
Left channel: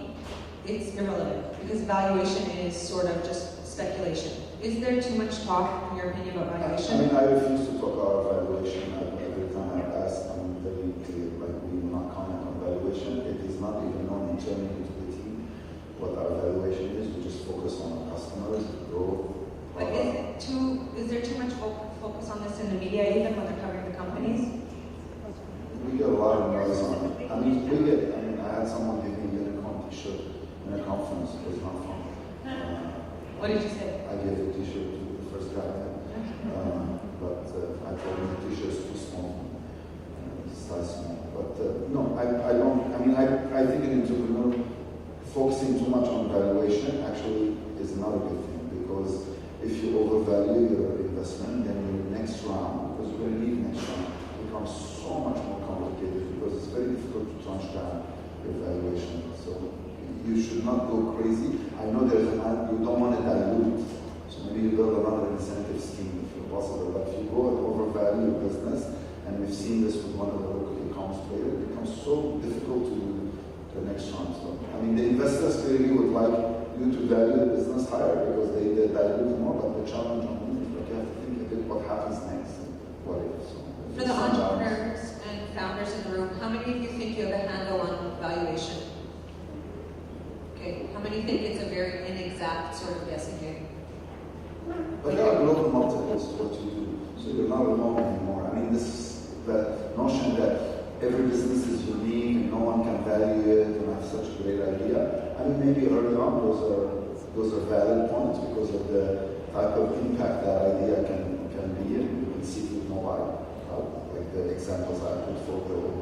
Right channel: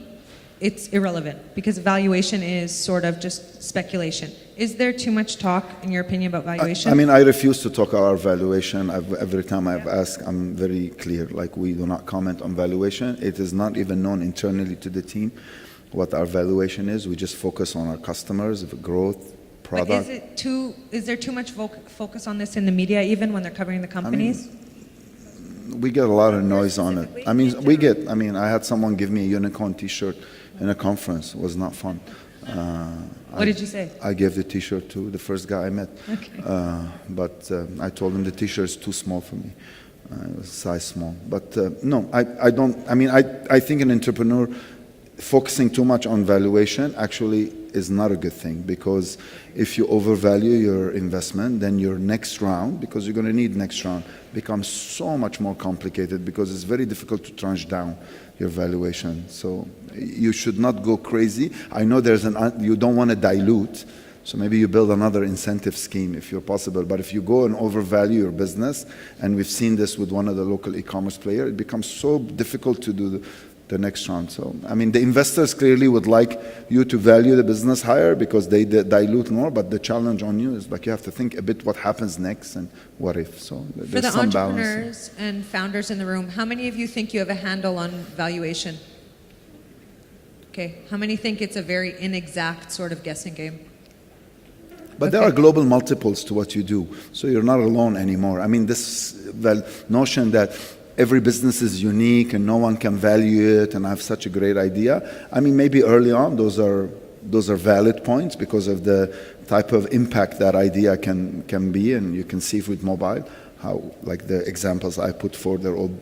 it's irrelevant because valuation is sort of just speculation. Is there too much talk, in your opinion, about valuation? I mean, I refuse to talk about valuation. Every time I've asked, I'm very clear. Like, we do not comment on valuation. It is not even known internally to the team what our valuation is. We just focus on our customers, the growth, product. But is there too much focus on this in the media, even when they're covering the companies? We get a lot of noise on it. I had someone give me a unicorn t-shirt in a conference. It was not fun. What did you say? I gave the t-shirt to the first guy I met. Okay. But I told him the t-shirt is too small for me. It was size small. But no, I don't. I mean, I think an entrepreneur focusing too much on valuation actually is not a good thing, because if you overvalue your investment, then your next round, because you're going to need next round, becomes so much more complicated because it's very difficult to tranche down your valuation. So you should not go crazy. I know you don't want to dilute, so maybe you build another incentive scheme if you're possible. But if you go and overvalue your business, and we've seen this with one of the local e-commerce players, it becomes so difficult to do the next round. So, I mean, the investors clearly would like you to value the business higher because they dilute more, but the challenge on you is like you have to think a bit what happens next and what if. So For the entrepreneurs and founders in the room, how many of you think you have a handle on valuation? Okay, how many think it's a very inexact sort of guessing game? But there are global multiples to what you do, so you're not alone anymore. I mean, this notion that every business is unique and no one can value it and have such a great idea. I mean, maybe early on those are valid points because of the type of impact that idea can be, and you can see it with mobile, how, like the examples I put forward, they're all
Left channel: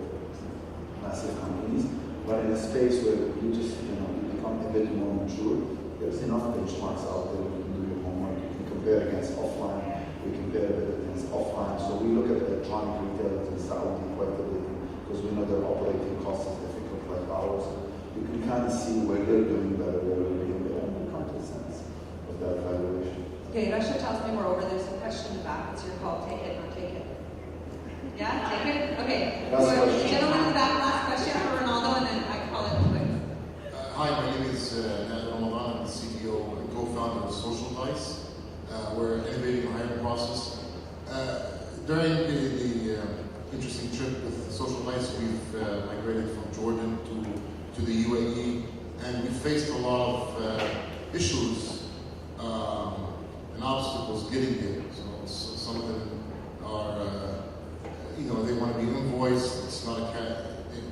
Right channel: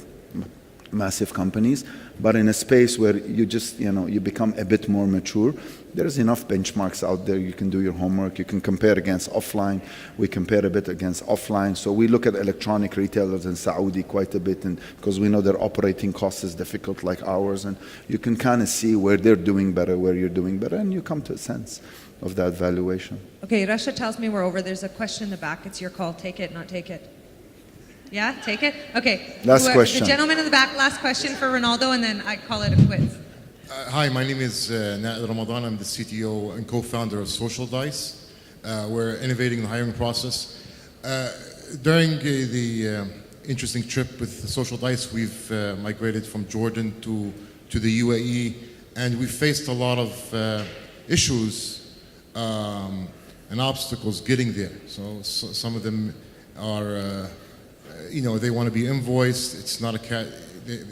massive companies. But in a space where you just, you become a bit more mature, there's enough benchmarks out there. You can do your homework. You can compare against offline. We compare a bit against offline. So we look at electronic retailers in Saudi quite a bit, and because we know their operating cost is difficult like ours, and you can kind of see where they're doing better, where you're doing better, and you come to a sense of that valuation. Okay, Rasha tells me we're over. There's a question in the back. It's your call. Take it, not take it. Yeah, take it? Okay. Last question. The gentleman in the back, last question for Ronaldo, and then I call it a quits. Hi, my name is Naad Ramadan. I'm the CTO and co-founder of Social Dice. We're innovating the hiring process. During the interesting trip with Social Dice, we've migrated from Jordan to the UAE, and we faced a lot of issues and obstacles getting there. So some of them are they want to be invoiced. It's not a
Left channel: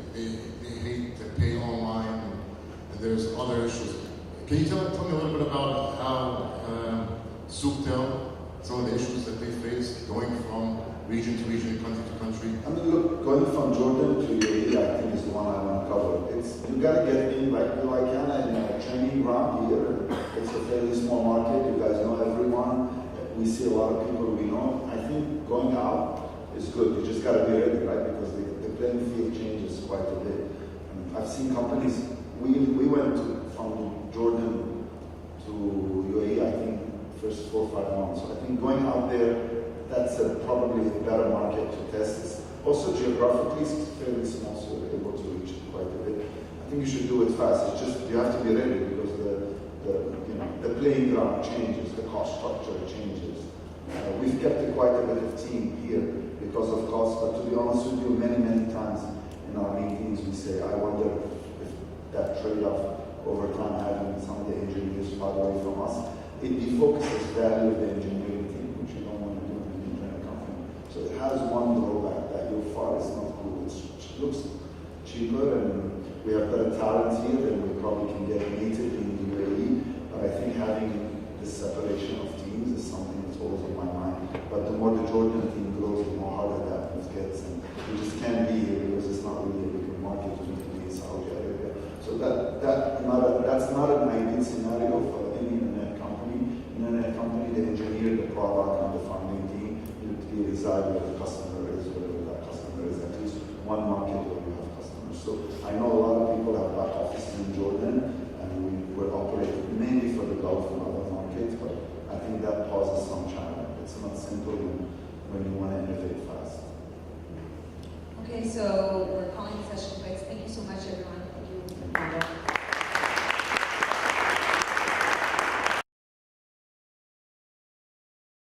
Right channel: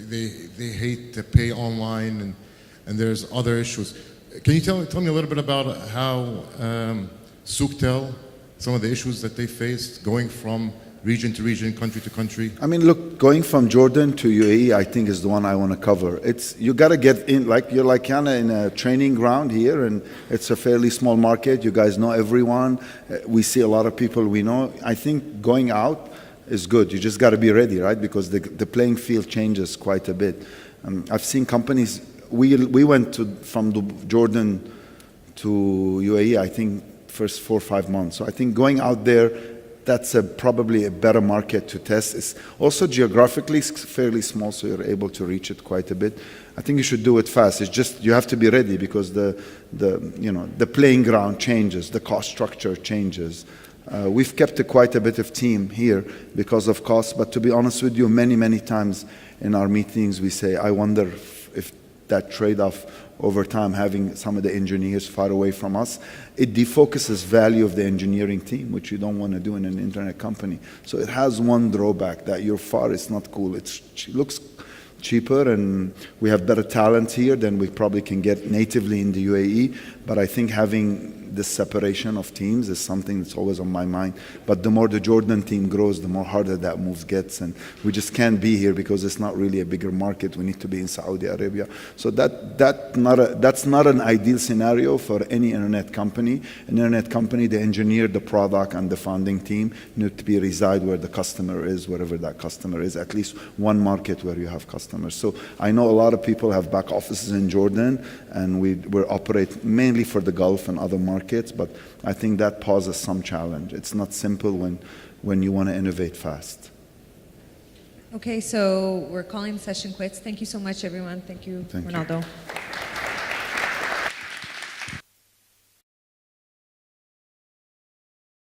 they hate to pay online, and there's other issues. Can you tell me a little bit about how Souktel, some of the issues that they faced going from region to region, country to country? I mean, look, going from Jordan to UAE, I think is the one I want to cover. You got to get in, like you're like kind of in a training ground here, and it's a fairly small market. You guys know everyone. We see a lot of people we know. I think going out is good. You just got to be ready, right? Because the playing field changes quite a bit. I've seen companies. We went from Jordan to UAE, I think, first 4 or 5 months. So I think going out there, that's probably a better market to test. It's also geographically fairly small, so you're able to reach it quite a bit. I think you should do it fast. It's just you have to be ready because the playing ground changes, the cost structure changes. We've kept quite a bit of team here because of cost, but to be honest with you, many times in our meetings we say, I wonder if that trade-off over time, having some of the engineers far away from us, it defocuses value of the engineering team, which you don't want to do in an internet company. So it has one drawback, that you're far, it's not cool. It looks cheaper, and we have better talent here than we probably can get natively in the UAE, but I think having the separation of teams is something that's always on my mind. But the more the Jordan team grows, the more harder that move gets. And we just can't be here because it's not really a bigger market. We need to be in Saudi Arabia. So that's not an ideal scenario for any internet company. An internet company, they engineer the product and the founding team need to be reside where the customer is, wherever that customer is, at least one market where you have customers. So I know a lot of people have back offices in Jordan, and we operate mainly for the Gulf and other markets, but I think that poses some challenge. It's not simple when you want to innovate fast. Okay, so we're calling the session quits. Thank you so much, everyone. Thank you, Thank you. Ronaldo.